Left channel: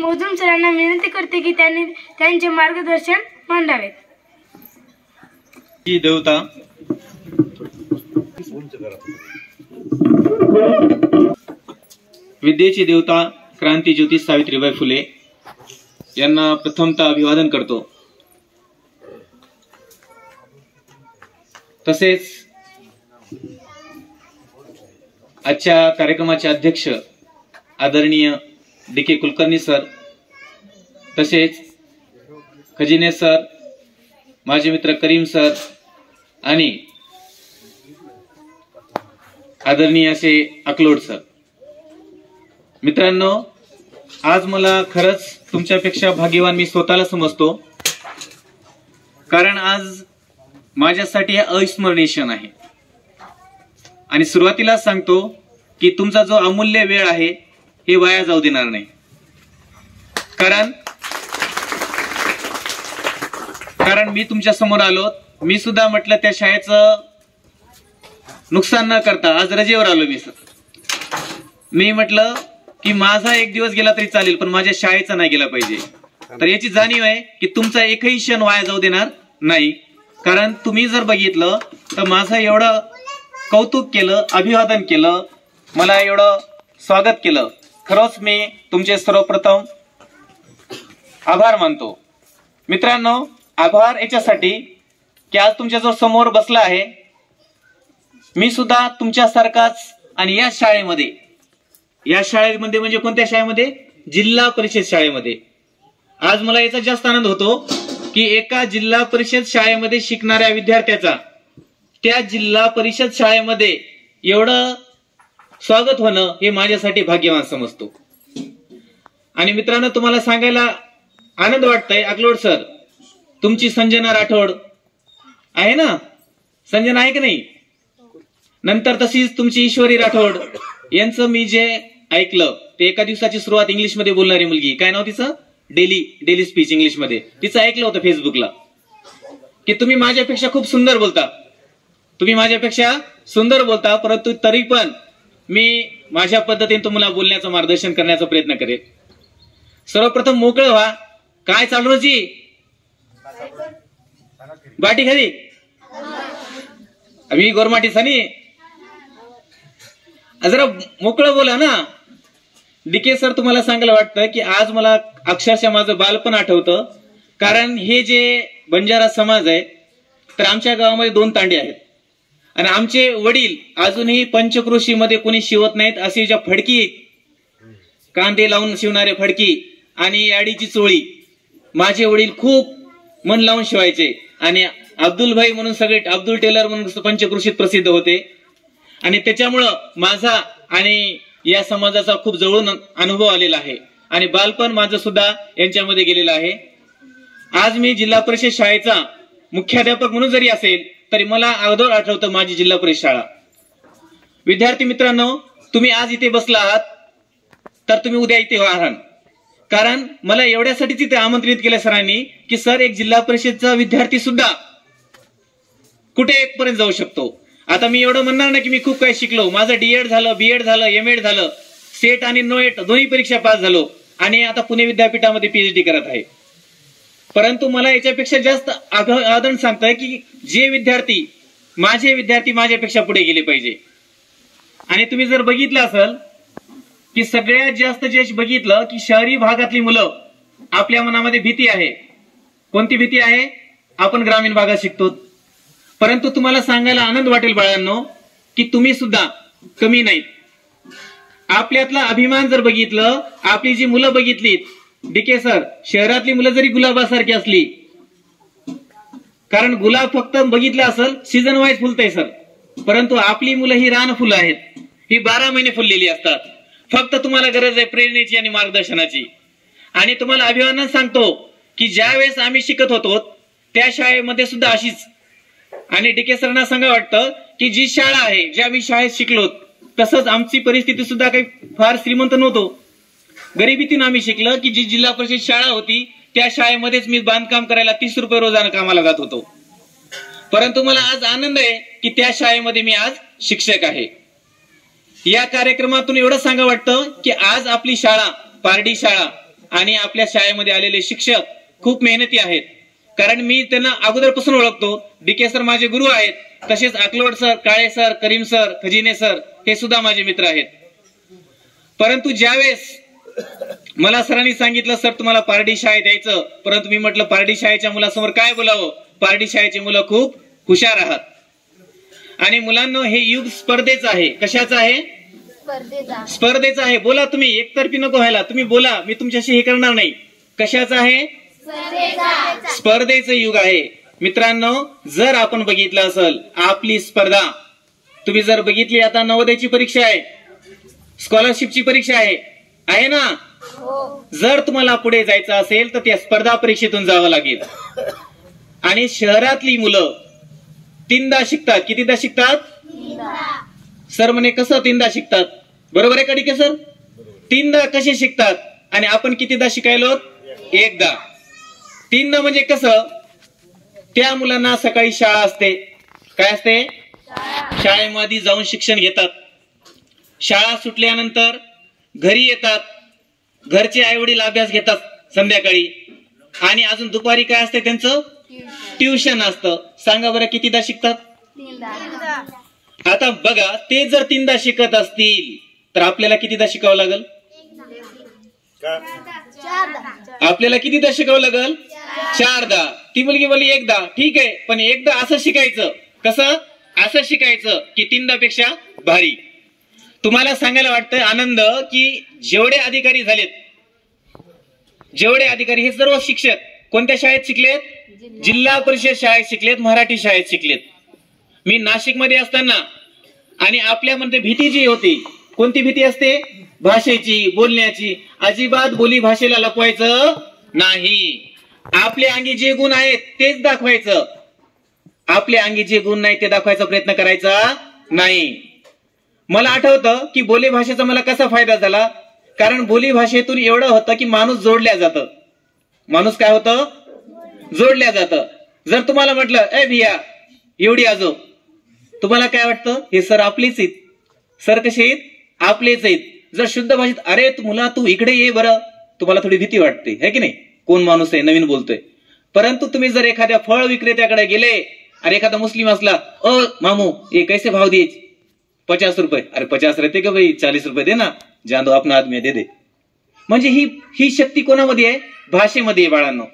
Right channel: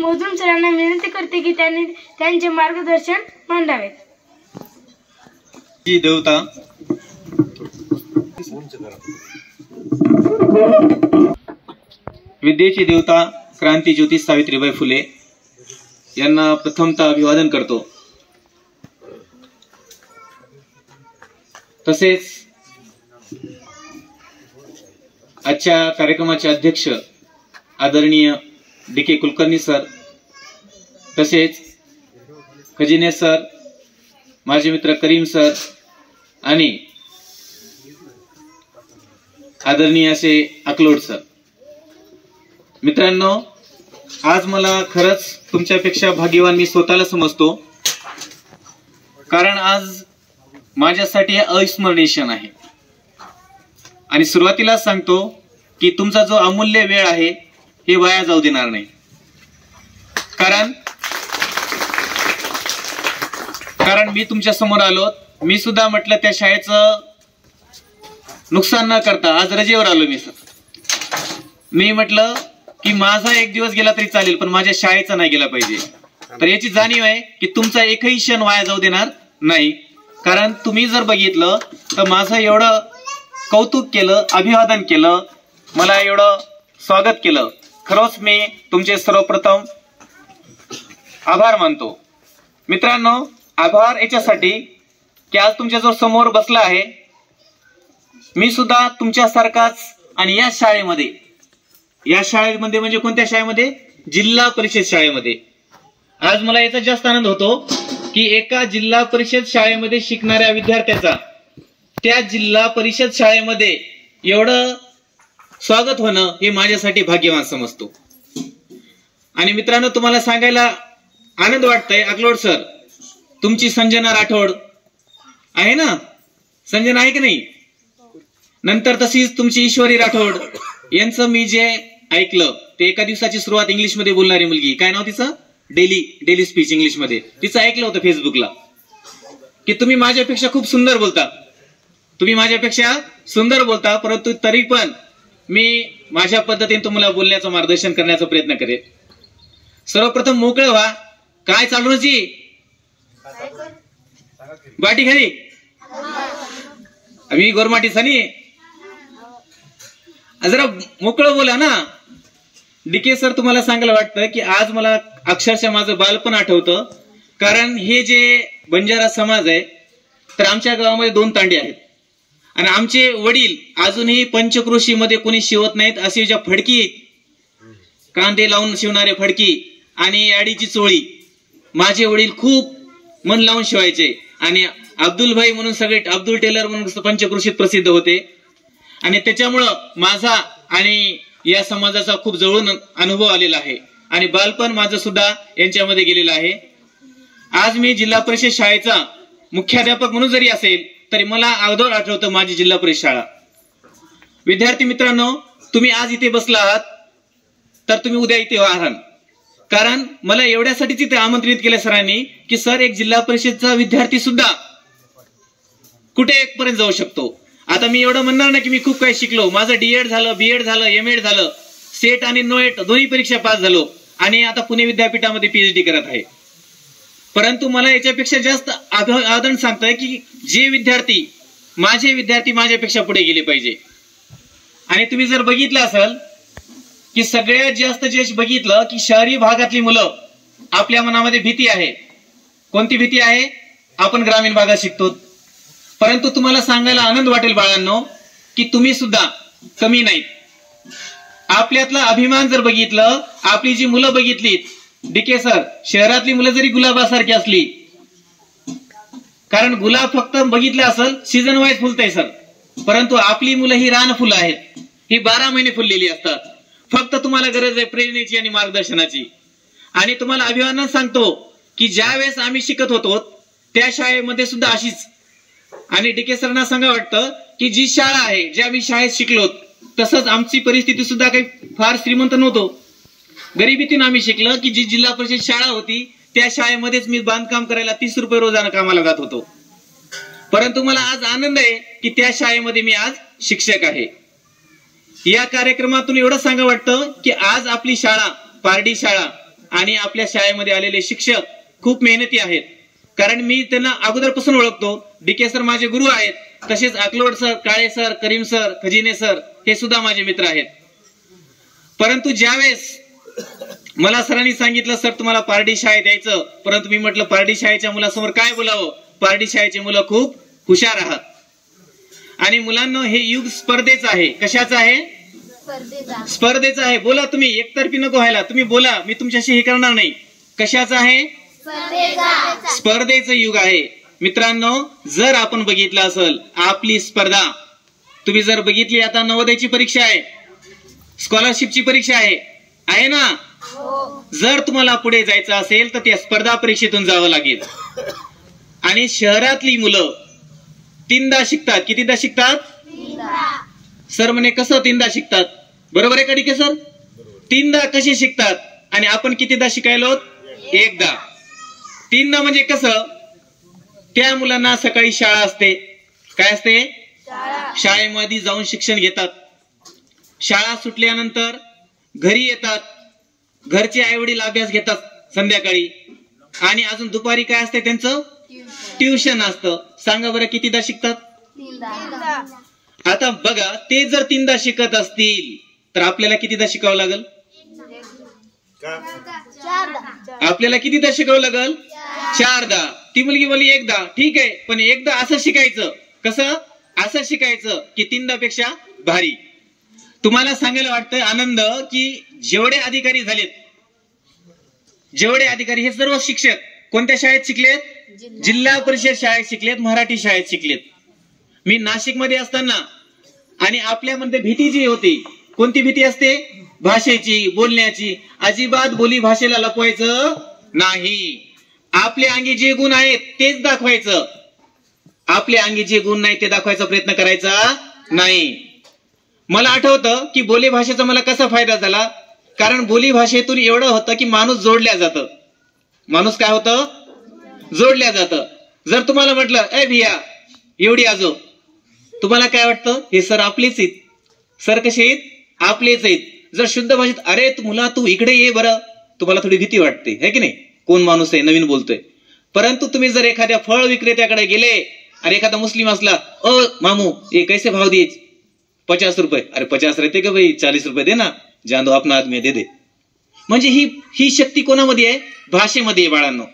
मोजूम सरांना विनंती करते की त्यांनी त्यांचे मार्गदर्शन मांडावे। जी देवता विद्येची देवता क्रांती ज्योती सावित्रीबाई फुले यांना प्रथमतः अभिवादन करतो। तसेच आजच्या कार्यक्रमाचे अध्यक्ष आदरणीय डी.के. कुलकर्णी सर, तसेच खजिने सर, माझे मित्र करीम सर आणि आदरणीय असे अकलोड सर। मित्रांनो, आज मला खरंच तुमच्यापेक्षा भाग्यवान मी स्वतःला समजतो, कारण आज माझ्यासाठी हे अविस्मरणीय क्षण आहे। आणि सुरुवातीला सांगतो की तुमचा जो अमूल्य वेळ आहे हे वाया जाऊ देणार नाही, कारण मी तुमच्या समोर आलो, मी सुद्धा म्हटलं त्या शाळेचं नुकसान न करता आज रजेवर आलो मी म्हटलं की माझा एक दिवस गेला तरी चालेल, पण माझ्या शाळेचा नाही गेला पाहिजे। तर याची जाणीव आहे की तुमचा एकही क्षण वाया जाऊ देणार नाही, कारण तुम्ही जर बघितलं तर माझं एवढं कौतुक केलं, अभिवादन केलं, मला एवढं स्वागत केलं, खरंच मी तुमचे सर्वप्रथम आभार मानतो। मित्रांनो, आभार याच्यासाठी की आज तुमच्या समोर बसला आहे मी सुद्धा तुमच्यासारखाच, आणि या शाळेमध्ये म्हणजे कोणत्या शाळेमध्ये? जिल्हा परिषद शाळेमध्ये। आज मला याचा जास्त आनंद होतो की एका जिल्हा परिषद शाळेमध्ये शिकणाऱ्या विद्यार्थ्याचा त्या जिल्हा परिषद शाळेमध्ये एवढं स्वागत होणं हे माझ्यासाठी भाग्यवान समजतो। आणि मित्रांनो, तुम्हाला सांगायला आनंद वाटतोय, अकलोड सर, तुमची संजना राठोड आहे ना? संजना आहे की नाही? नंतर तशीच तुमची ईश्वरी राठोड यांचं मी जे ऐकलं ते एका दिवसाची सुरुवात इंग्लिश मध्ये बोलणारी मुलगी, काय नाव तिचं? डेली स्पीच इंग्लिश मध्ये, तिचं ऐकलं होतं फेसबुकला की तुम्ही माझ्यापेक्षा खूप सुंदर बोलता, परंतु तरी पण मी माझ्या पद्धतीने तुम्हाला बोलण्याचं मार्गदर्शन करण्याचा प्रयत्न करेन। सर्वप्रथम मोकळे व्हा, काय चालू जी बाटी खाली मी गोरमाटी सनी जरा मोकळं बोला ना। डी.के. सर, तुम्हाला सांगायला वाटतं की आज मला अक्षरशः माझं बालपण आठवतं, कारण हे जे बंजारा समाज आहे तर आमच्या गावामध्ये 2 तांडे आहेत आणि आमचे वडील अजूनही पंचक्रोशीमध्ये कोणी शिवत नाहीत, अशी ज्या फडकी, कांदे लावून शिवणारे फडकी आणि याडीची चोळी माझे वडील खूप मन लावून शिवायचे। आणि अब्दुल भाई म्हणून सगळे, अब्दुल टेलर म्हणून पंचक्रोशीत प्रसिद्ध होते, आणि त्याच्यामुळं माझा आणि या समाजाचा खूप जवळून अनुभव आलेला आहे आणि बालपण माझं सुद्धा यांच्यामध्ये गेलेलं आहे। आज मी जिल्हा परिषद शाळेचा मुख्याध्यापक म्हणून जरी असेल तरी मला अगोदर आठवतं माझी जिल्हा परिषद शाळा। विद्यार्थी मित्रांनो, तुम्ही आज इथे बसला आहात तर तुम्ही उद्या इथे आहात, कारण मला एवढ्यासाठीच इथे आमंत्रित केलं सरांनी की सर, एक जिल्हा परिषदचा विद्यार्थी सुद्धा कुठे पर्यंत जाऊ शकतो। आता मी एवढं म्हणणार ना की मी खूप काही शिकलो, माझं डीएड झालं, बीएड झालं, एमएड झालं, सेट आणि नोएट दोन्ही परीक्षा पास झालो आणि आता पुणे विद्यापीठामध्ये पीएचडी करत आहे, परंतु मला याच्यापेक्षा जास्त आदर सांगतोय की माझे विद्यार्थी माझ्यापेक्षा पुढे गेले पाहिजे। आणि तुम्ही जर बघितलं असेल की सगळ्यात जास्त जे बघितलं की शहरी भागातली मुलं, आपल्या मनामध्ये भीती आहे, कोणती भीती आहे? आपण ग्रामीण भागात शिकतो, परंतु तुम्हाला सांगायला आनंद वाटेल बाळांनो की तुम्ही सुद्धा कमी नाहीत। आपल्यातला अभिमान जर बघितलं, आपली जी मुलं बघितलीत, डी.के. सर, शहरातली मुलं जरी गुलाबासारखी असली, कारण गुलाब फक्त बघितलं असेल सीझन वाईज फुलतंय सर, परंतु आपली मुलं ही रान फुलं आहेत, ही 12 महिने फुललेली असतात। फक्त तुम्हाला गरज आहे प्रेरणेची आणि मार्गदर्शनाची। आणि तुम्हाला अभिमानानं सांगतो की ज्या वेळेस आम्ही शिकत होतो त्या शाळेमध्ये सुद्धा अशीच, आणि डी.के. सरांना सांगा वाटतं की जी शाळा आहे, ज्या आम्ही शाळेत शिकलो, तसंच आमची परिस्थिती सुद्धा काही फार श्रीमंत नव्हतो, गरिबीतून आम्ही शिकलो की जी जिल्हा परिषद शाळा होती त्या शाळेमध्येच मी बांधकाम करायला 30 रुपये रोजानं कामाला जात होतो, परंतु मला आज आनंद आहे की त्या शाळेमध्ये मी आज शिक्षक आहे। या कार्यक्रमातून एवढं सांगा वाटतं की आज आपली शाळा, पारडी शाळा आणि आपल्या शाळेमध्ये आलेले शिक्षक खूप मेहनती आहेत. कारण मी त्यांना अगोदरपासून ओळखतो. डीके सर माझे गुरु आहेत, तसेच अकलोड sir, Kale sir, Karim sir, खजिने sir हे सुद्धा माझे मित्र आहेत. परंतु ज्यावेळेस मला सरांनी सांगितलं सर तुम्हाला पारडी शाळेत यायचं, परंतु मी म्हटलं पारडी शाळेच्या मुलासमोर काय बोलावं, पारडी शाळेची मुलं खूप हुशार आहात. आणि मुलांना हे युग स्पर्धेचं आहे. कशाचं आहे? स्पर्धेचं आहे. बोला तुम्ही, एकतर्फी नको व्हायला, तुम्ही बोला, मी तुमच्याशी हे करणार नाही. कशाचं आहे? स्पर्धेचं युग आहे. मित्रांनो, जर आपण बघितलं असेल आपली स्पर्धा, तुम्ही जर बघितली, आता नवोदयची परीक्षा आहे, स्कॉलरशिपची परीक्षा आहे ना. जर तुम्हाला पुढे जायचं असेल तर त्या स्पर्धा परीक्षेतून जावं लागेल. आणि शहरातली मुलं 3दा शिकतात. कितीदा शिकतात? सर म्हणे कसं 3दा शिकतात? बरोबर आहे का डीके सर? 3दा कसे शिकतात? आणि आपण कितीदा शिकायलो? 1दा. 3दा म्हणजे कसं? त्या मुलांना सकाळी शाळा असते. काय असते? शाळेमध्ये जाऊन शिक्षण घेतात. शाळा सुटल्यानंतर घरी येतात. घरचे आई वडील अभ्यास घेतात संध्याकाळी. आणि अजून दुपारी काय असते त्यांचं? ट्युशन असतं. सांगा बरं कितीदा शिकतात? 3दा. आता बघा, ते जर 3दा शिकत असतील तर आपल्याला कितीदा शिकावं लागल? 4दा. आपल्याला कितीदा शिकावं लागल? 4दा. ती मुलगी बोलली 1दा. ठीक आहे, पण 1दा असं शिकायचं. कसं? असं शिकायचं की 3दा पेक्षा भारी. तुम्हाला सांगायला वाटतं आनंद की जेवढे अधिकारी झालेत, जेवढे अधिकारी हे सर्व शिक्षक कोणत्या शाळेत शिकलेत? जिल्हा परिषद शाळेत शिकलेत, मराठी शाळेत शिकलेत. मी नाशिकमध्ये असताना आणि आपल्यामध्ये भीती जी होती, कोणती भीती असते? भाषेची, बोलण्याची. अजिबात बोली भाषेला लपवायचं नाही. आपले अंगी जे गुण आहेत तेच दाखवायचं. आपले अंगी जे गुण नाही ते दाखवायचा प्रयत्न करायचा नाही. मला आठवतं की बोली भाषेचा मला कसा फायदा झाला. कारण बोली भाषेतून एवढं होतं की माणूस जोडल्या जातं. माणूस काय होतं? जोडल्या जातं. जर तुम्हाला म्हटलं ए भिया एवढी आजो, तुम्हाला काय वाटतं? हे सर आपलेच आहेत. सर कसे आहेत? आपलेच आहेत. जर शुद्ध भाषेत अरे मुला तू इकडे ये बरं, तुम्हाला थोडी भीती वाटते, है की नाही? कोण माणूस आहे, नवीन बोलतोय. परंतु तुम्ही जर एखाद्या फळ विक्रेत्याकडे गेले आणि एखादा मुस्लिम असला, मामू ये कैसे भाव दिए? 50 रुपये. अरे 50 रहते का भाई? 40 रुपये दे ना, जान दो अपना आदमी दे दे. म्हणजे ही शक्ती कोणामध्ये आहे? भाषेमध्ये आहे बाळांनो.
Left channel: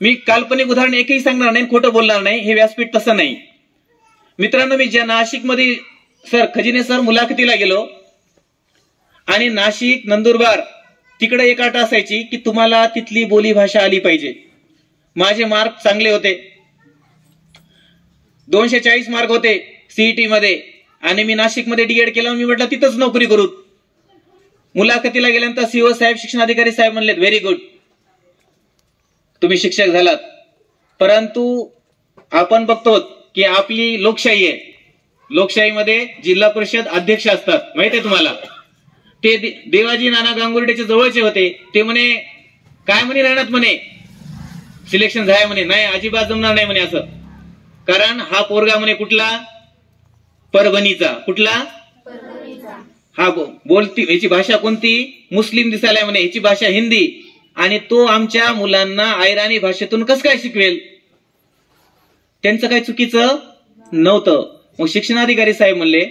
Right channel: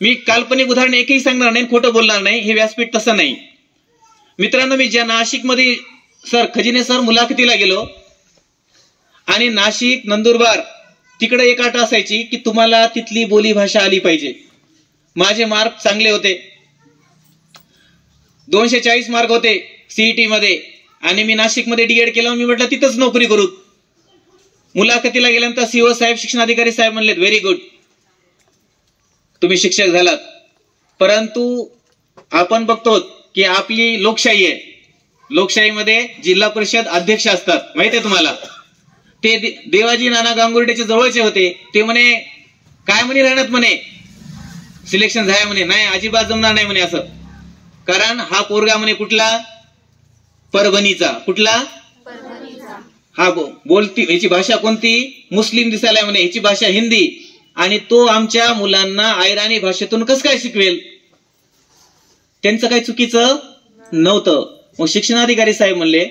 मी काल्पनिक उदाहरण एकही सांगणार नाही, खोटं बोलणार नाही. हे व्यासपीठ तसं नाही. मित्रांनो, मी ज्या नाशिकमध्ये सर खजिने सर मुलाखतीला गेलो आणि नाशिक, नंदुरबार तिकडे एक अट असायची की तुम्हाला तिथली बोली भाषा आली पाहिजे. माझे मार्क चांगले होते, 240 मार्क होते सीईटी मध्ये. आणि मी नाशिकमध्ये डीएड केलं. मी म्हटलं तिथंच नोकरी करू. मुलाखतीला गेल्यानंतर सीओ साहेब, शिक्षणाधिकारी साहेब म्हणलेत व्हेरी गुड, तुम्ही शिक्षक झालात. परंतु आपण बघतो की आपली लोकशाही आहे. लोकशाहीमध्ये जिल्हा परिषद अध्यक्ष असतात, माहिती आहे तुम्हाला. ते देवाजी नाना गांगुर्डेचे जवळचे होते. ते म्हणे काय म्हणे राहण्यात म्हणे सिलेक्शन झालं म्हणे. नाही, अजिबात जमणार नाही म्हणे असं. कारण हा पोरगा म्हणे कुठला? परभणीचा. कुठला? हा बोलती, ह्याची भाषा कोणती? मुस्लिम दिसायला म्हणे, ह्याची भाषा हिंदी. आणि तो आमच्या मुलांना आयराणी भाषेतून कसं काय शिकवेल? त्यांचं काही चुकीचं नव्हतं. मग शिक्षणाधिकारी साहेब म्हणले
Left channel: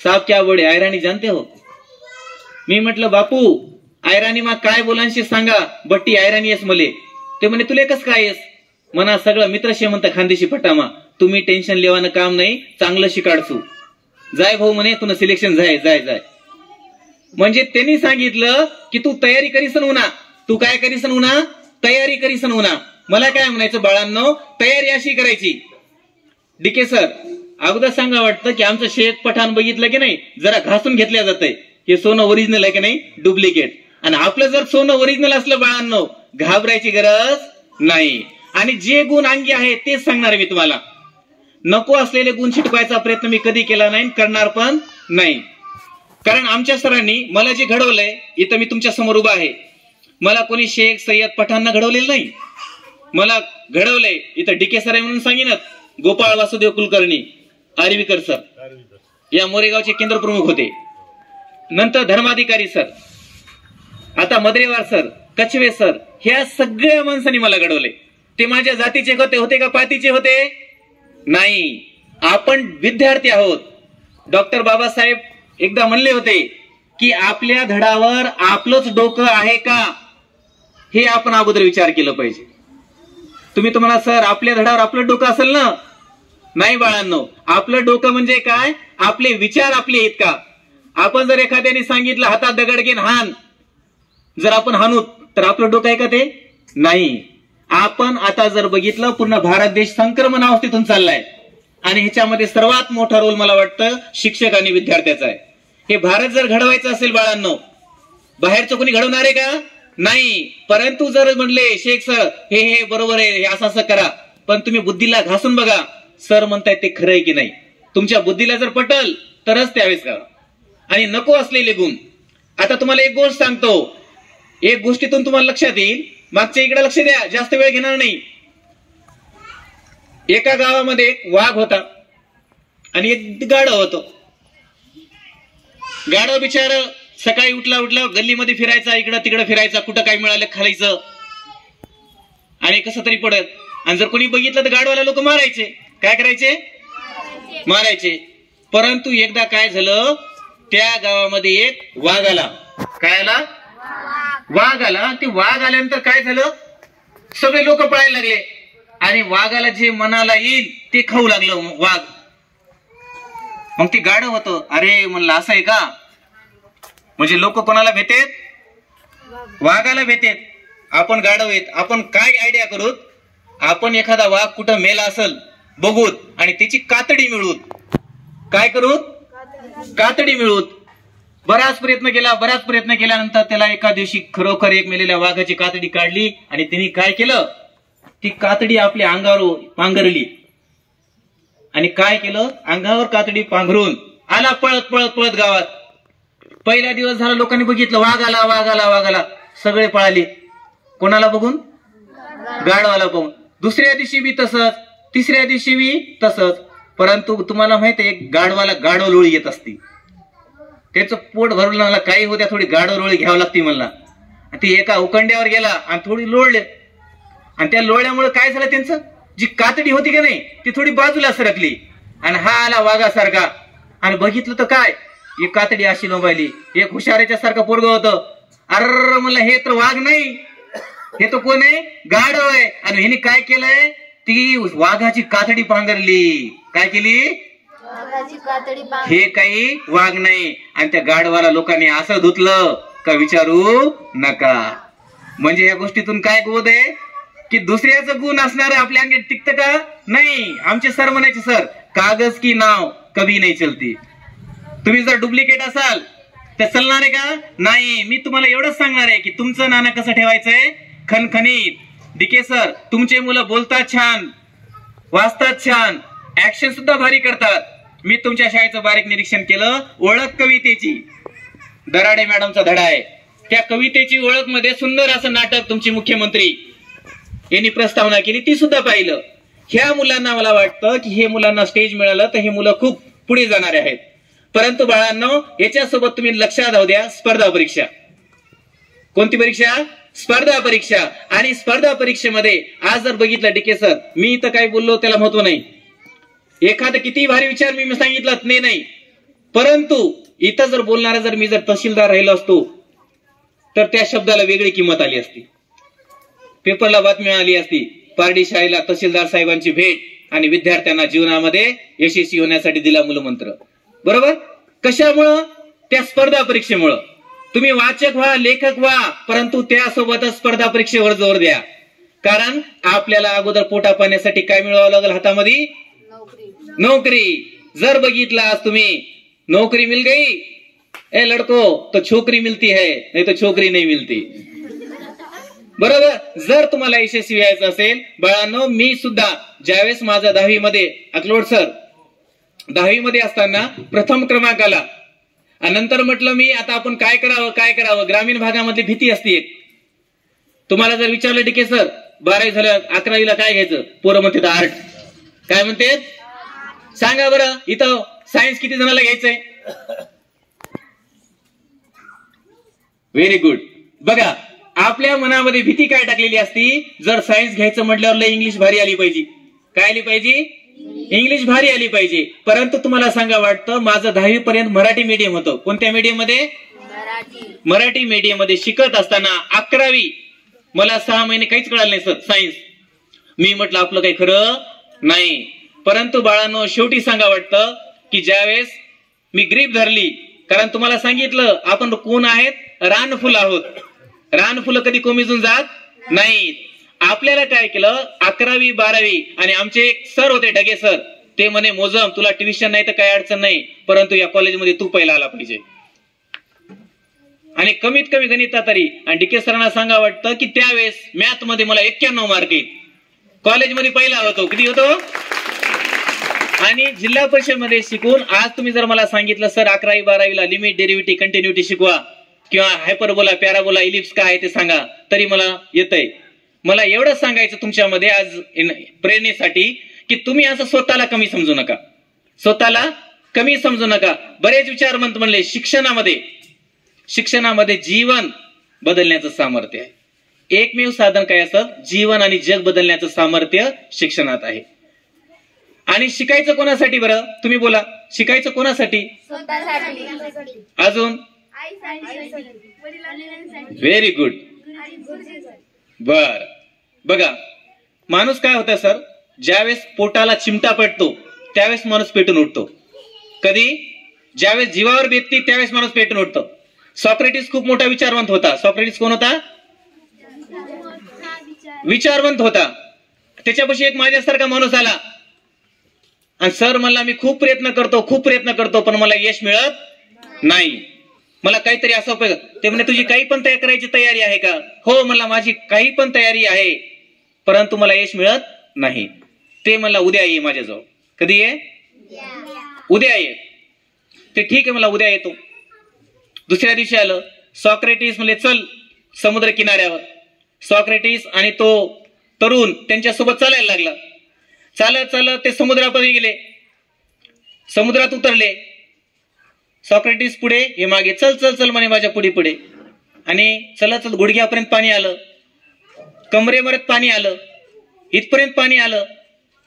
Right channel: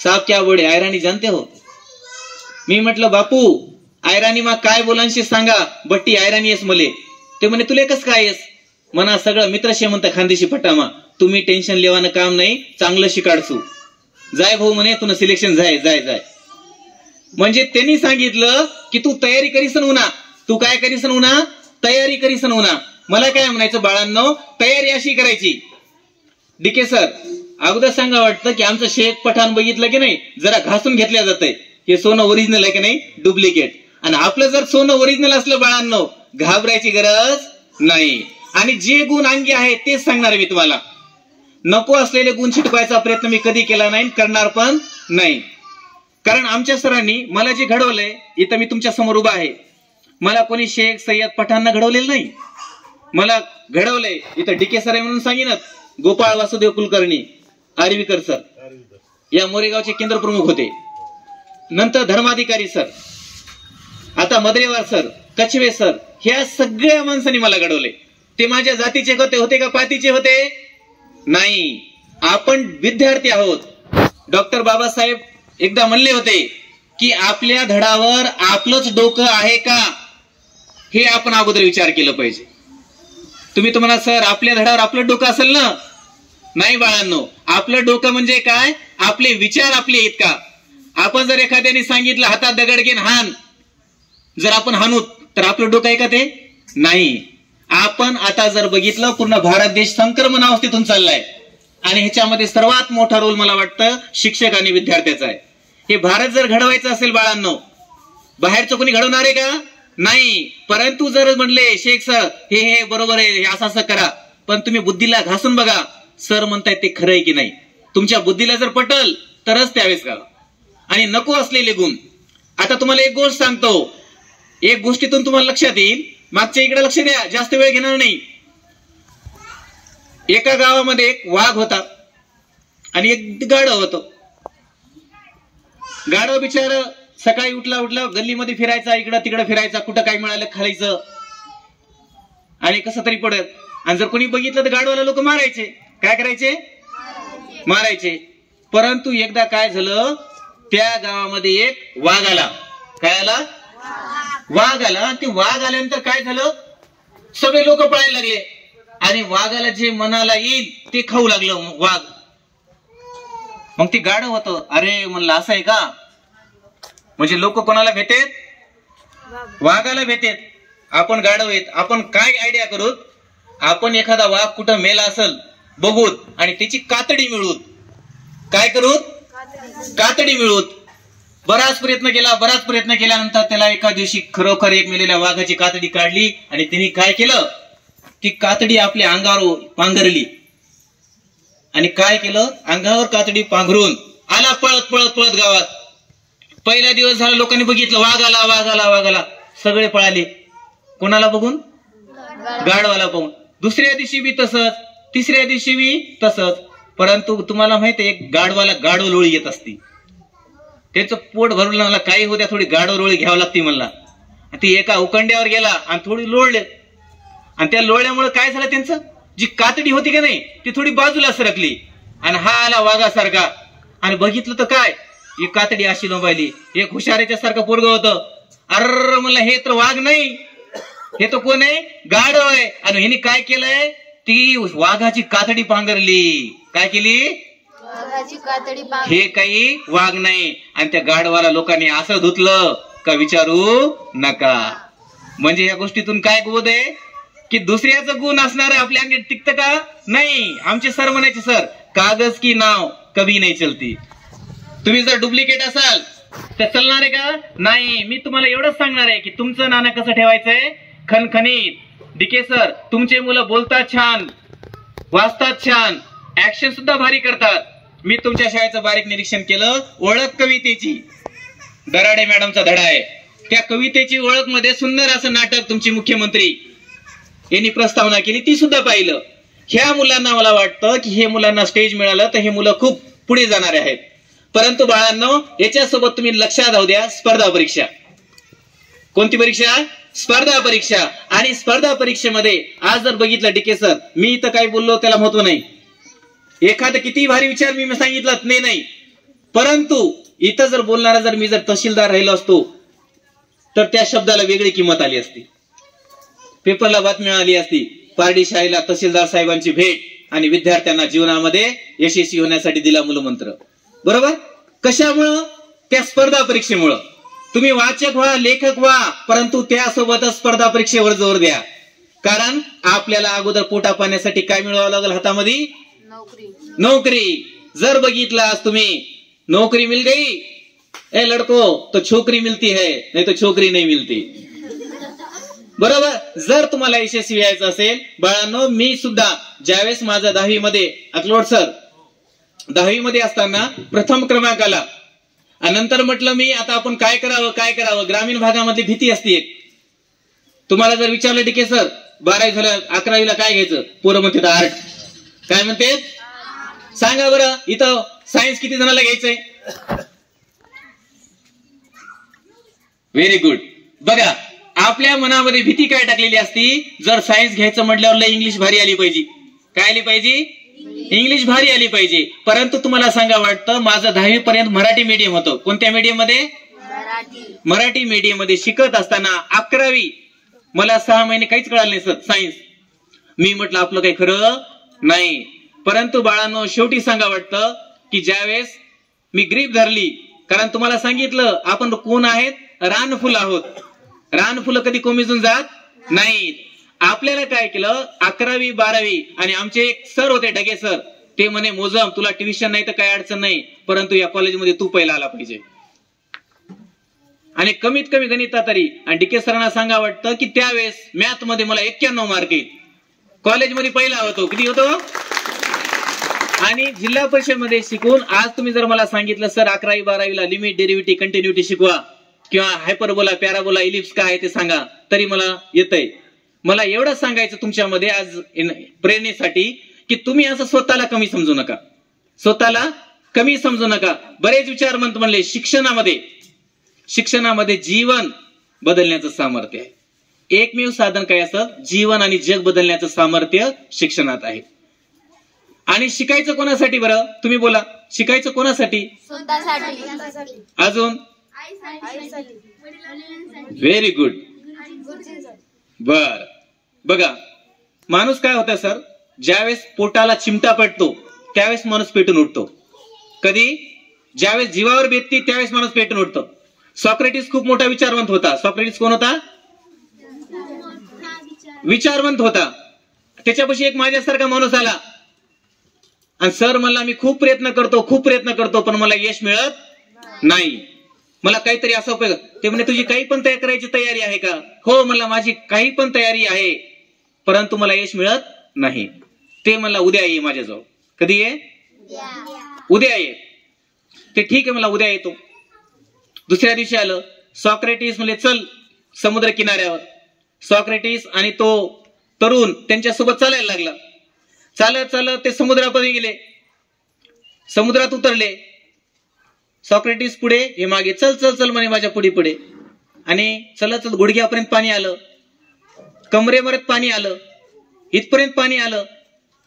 साहब क्या बोले आयराणी जानते हो? मी म्हटलं बापू आयराणी मा काय बोलांशी सांगा, बट्टी आयराणी येस मले. ते म्हणे तुले कस काय येस? म्हणा सगळं मित्र शेमंत खानदेशी फटामा, तुम्ही टेन्शन लेवानं काम नाही, चांगलं शिकाडसू. जाय भाऊ म्हणे तुला सिलेक्शन जाय जाय जाय. म्हणजे त्यांनी सांगितलं की तू तयारी करीसन उन्हा. तू काय करीसन उन्हा? तयारी करीसन उन्हा. मला काय म्हणायचं बाळांनो, तयारी अशी करायची. डीके सर अगोदर सांगा वाटतं की आमचं शेख पठाण बघितलं की नाही, जरा घासून घेतल्या जातंय. हे सोनं ओरिजिनल आहे की नाही, डुप्लिकेट. आणि आपलं जर सोनं ओरिजिनल असलं बाळांनो, घाबरायची गरज नाही. आणि जे गुण अंगी आहेत तेच सांगणार आहे मी तुम्हाला. नको असलेले गुण शिकवायचा प्रयत्न मी कधी केला नाही, करणार पण नाही. कारण आमच्या सरांनी मला जे घडवलंय, इथं मी तुमच्या समोर उभा आहे, मला कोणी शेख सय्यद पठाणना घडवलेलं नाही. मला घडवलंय इथं डीके सर आहे म्हणून सांगिनत, गोपाळ वासुदेव कुलकर्णी, आर्वीकर सर या मोरेगावचे केंद्र प्रमुख होते. नंतर धर्माधिकारी सर, आता मद्रेवार सर, कछवे सर, ह्या सगळ्या माणसांनी मला घडवले. ते माझ्या जातीचे होते का पातीचे होते? नाही. आपण विद्यार्थी आहोत. डॉक्टर बाबासाहेब एकदा म्हणले होते की आपल्या धडावर आपलंच डोकं आहे का, हे आपण अगोदर विचार केलं पाहिजे. तुम्ही म्हणा सर आपल्या धडावर आपलं डोकं असेल ना? नाही बाळांनो, आपलं डोकं म्हणजे काय? आपले विचार आपले आहेत का? आपण जर एखाद्याने सांगितलं हातात दगड घेऊन हान, जर आपण हाणू तर आपलं डोकं आहे का ते? नाही. आपण आता जर बघितलं पूर्ण भारत देश संक्रमण अवस्थेतून चाललाय आणि ह्याच्यामध्ये सर्वात मोठा रोल मला वाटतं शिक्षक आणि विद्यार्थ्याचा आहे. हे भारत जर घडवायचं असेल बाळांनो, बाहेरचं कोणी घडवणार आहे का? नाही. परंतु जर म्हणले शेख सर हे बरोबर आहे, हे असं असं करा, पण तुम्ही बुद्धीला घासून बघा सर म्हणतायत ते खरं आहे की नाही. तुमच्या बुद्धीला जर पटल तरच त्यावेळेस करा. आणि नको असलेले गुण. आता तुम्हाला एक गोष्ट सांगतो, एक गोष्टीतून तुम्हाला लक्षात येईल. मागच्या इकडे लक्ष द्या, जास्त वेळ घेणार नाही. एका गावामध्ये एक वाघ होता आणि एक गाढव होतं. गाढव बिचार सकाळी उठला गल्लीमध्ये फिरायचा, इकडं तिकडं फिरायचा, कुठं काय मिळालं खायचं आणि कसं तरी पडत. आणि जर कोणी बघितलं तर गाढवाला लोक मारायचे. काय करायचे? मारायचे. परंतु एकदा काय झालं, त्या गावामध्ये एक वाघ आला. काय आला? वाघ आला. ते वाघ आल्यानंतर काय झालं, सगळे लोक पळायला लागले आणि वाघाला जे मनाला येईल ते खाऊ लागलं वाघ. मग ते गाढव होतं. अरे म्हणलं असं आहे का? म्हणजे लोक कोणाला भेटेत? वाघाला भेटेत. आपण गाढव आहेत. आपण काय आयडिया करूत, आपण एखादा वाघ कुठं मेला असेल बघूत आणि त्याची कातडी मिळवूत. काय करूत? कातडी मिळवूत. बराच प्रयत्न केल्यानंतर त्याला एका दिवशी खरोखर एक मेलेल्या वाघाची कातडी काढली आणि त्यांनी काय केलं, ती कातडी आपल्या अंगावर पांघरली आणि काय केलं, अंगावर कातडी पांघरून आला पळत गावात. पहिला दिवस झाला, लोकांनी बघितलं वाघ आला, सगळे पळाले. कोणाला बघून? गाढवाला बघून. दुसऱ्या दिवशी बी तसंच, तिसऱ्या दिवशी बी तसंच. परंतु तुम्हाला माहित आहे, एक गाढवाला गाढव लोळी येत असती. त्याचं पोट भरलं, मला काही होत्या थोडी गाढव लोळी घ्यावं लागते म्हणला. ती एका उकंड्यावर गेला आणि थोडी लोळले आणि त्या लोळल्यामुळे काय झालं, त्यांचं जी कातडी होती का नाही ती थोडी बाजूला सरकली आणि हा आला वाघासारखा. आणि बघितलं तर काय, एक कातडी अशी लोंबायली. एक हुशारीच्या सारखं पोरगं होतं. अर म्हणलं हे तर वाघ नाही, हे तर कोण आहे? गाढव आहे. आणि ह्याने काय केलंय, ती वाघाची कातडी पांघरली. काय केली? वाघाची कातडी हे काही वाघ नाही. आणि त्या गाढवाला लोकांनी असं धुतलं का विचारू नका. म्हणजे या गोष्टीतून काय बोध आहे की दुसऱ्याचं गुण असणार आपल्या अंगी टिकतं का? नाही. आमचे सर म्हणायचे, सर कागज की नाव कभी नाही चलती. तुम्ही जर डुप्लिकेट असाल तर चालणार आहे का? नाही. मी तुम्हाला एवढंच सांगणार आहे की तुमचं नाणं कसं ठेवायचंय, खणखणीत. डीके सर तुमचे मुलं बोलतात छान, वाचतात छान, ऍक्शन सुद्धा भारी करतात. मी तुमच्या शाळेचं बारीक निरीक्षण केलं. ओळख कवितेची दराडे मॅडमचा धडा आहे. त्या कवितेची ओळख मध्ये सुंदर असं नाटक तुमची मुख्यमंत्री यांनी प्रस्तावना केली, ती सुद्धा पाहिलं. ह्या मुलांना मला वाटतं की हे मुलांना स्टेज मिळालं तर हे मुलं खूप पुढे जाणारे आहेत. परंतु बाळांनो, याच्यासोबत तुम्ही लक्षात राहू द्या, स्पर्धा परीक्षा. कोणती परीक्षा? स्पर्धा परीक्षा. आणि स्पर्धा परीक्षेमध्ये आज जर बघितलं डीके सर, मी इथं काय बोललो त्याला महत्व नाही. एखादं किती भारी विचार मी सांगितलं नाही, परंतु इथं जर बोलणारा जर मी जर तहसीलदार राहिलो असतो तर त्या शब्दाला वेगळी किंमत आली असती. पेपरला बातमी आली असती, पारडी शाळेला तहसीलदार साहेबांची भेट आणि विद्यार्थ्यांना जीवनामध्ये यशस्वी होण्यासाठी दिला मूलमंत्र. बरोबर? कशामुळं? त्या स्पर्धा परीक्षेमुळं. तुम्ही वाचक व्हा, लेखक व्हा, परंतु त्यासोबतच स्पर्धा परीक्षेवर जोर द्या. कारण आपल्याला अगोदर पोटा पाण्यासाठी काय मिळवावं लागेल हातामध्ये? नोकरी. जर बघितला आज तुम्ही, नोकरी मिल गई ए लडको तो छोकरी मिलती है, नाही तो छोकरी नाही मिलती. बरोबर? जर तुम्हाला यशस्वी व्हायचं असेल बाळांनो, मी सुद्धा ज्यावेळेस माझा 10वी मध्ये अकलोड सर 10वी मध्ये असताना प्रथम क्रमांक आला. नंतर म्हटलं मी आता आपण काय करावं. ग्रामीण भागामध्ये भीती असते एक. तुम्हाला जर विचारलं डीके सर 12वी झालं 11वीला काय घ्यायचं, पोरं म्हणते आर्ट. काय म्हणते सांगा बरं. इथं सायन्स किती जणांना घ्यायचंय? Very good. बघा, आपल्या मनामध्ये भीती काय टाकलेली असती, जर सायन्स घ्यायचं म्हटल्यावर लय इंग्लिश भारी आली पाहिजे. काय आली पाहिजे? इंग्लिश भारी आली पाहिजे. परंतु तुम्हाला सांगा वाटतं, माझं 10वी पर्यंत मराठी मीडियम होतं. कोणत्या मीडियम मध्ये? मराठी मीडियम मध्ये शिकत असताना 11वी मला 6 महिने काहीच कळालं नाही सर सायन्स. मी म्हटलं आपलं काही खरं नाही. परंतु बाळांनो, शेवटी सांगा वाटतं की ज्यावेळेस मी ग्रीप धरली, कारण तुम्हाला सांगितलं आपण कोण आहेत? रानफुल आहोत. रानफुलं कधी कोमेजून जात नाहीत. आपल्याला काय केलं, 11वी 12वी आणि आमचे एक सर होते ढगे सर, ते म्हणे मोजम तुला ट्युशन नाही तर काही अडचण नाही, परंतु या कॉलेजमध्ये तू पहिला आला पाहिजे. आणि कमीत कमी गणितात तरी. आणि डीके सरांना सांगा वाटतं की त्यावेळेस मॅथ मध्ये मला 91 मार्क आहेत. कॉलेजमध्ये पहिला होतो. किती होतो? आणि जिल्हा परिषद मध्ये शिकून आज तुम्ही जर मला सांगितलं सर 11वी 12वीला लिमिट, डेरिव्हेटिव्ह, कंटिन्युटी शिकवा किंवा हायपरबोला, पॅराबोला, इलिप्स काय आहे ते सांगा, तरी मला येतंय. मला एवढं सांगायचं तुमच्यामध्ये आज प्रेरणेसाठी की तुम्ही असं स्वतःला कमी समजू नका. स्वतःला कमी समजू नका. बरेच विचारवंत म्हणले शिक्षणामध्ये जीवन बदलण्याचं सामर्थ्य आहे. एकमेव साधन काय असं? जीवन आणि जग बदलण्याचं सामर्थ्य शिक्षणात आहे. आणि शिकायचं कोणासाठी बरं? तुम्ही बोला. शिकायचं कोणासाठी? स्वतःसाठी. अजून? Very good. बर. बघा, माणूस काय होता सर, ज्यावेळेस पोटाला चिमटा पेटतो त्यावेळेस माणूस पेटून उठतो. कधी? ज्यावेळेस जीवावर बेतती त्यावेळेस माणूस पेटून उठतो. सॉक्रेटिस खूप मोठा विचारवंत होता. सॉक्रेटिस कोण होता? विचारवंत होता. त्याच्यापाशी एक माझ्यासारखा माणूस आला आणि सर म्हणला मी खूप प्रयत्न करतो पण मला यश मिळत नाही. मला काहीतरी असं. ते म्हणे तुझी काही पण तयार करायची तयारी आहे का? हो म्हणला माझी काही पण तयारी आहे, परंतु मला यश मिळत नाही. ते म्हणला उद्या ये माझ्याजवळ. कधी ये? उद्या ये. ते ठीक आहे मला उद्या येतो. दुसऱ्या दिवशी आलं. सॉक्रेटिस म्हणले चल समुद्र किनाऱ्यावर. सॉक्रेटिस आणि तो तरुण त्यांच्यासोबत चालायला लागला. चालत चालत ते समुद्रापर्यंत गेले. समुद्रात उतरले. सॉक्रेटिस पुढे, हे मागे. चल चल चल म्हणे माझ्या पुढे. आणि चलत चलत गुडघ्यापर्यंत पाणी आलं, कमरेपर्यंत पाणी आलं, इथपर्यंत पाणी आलं.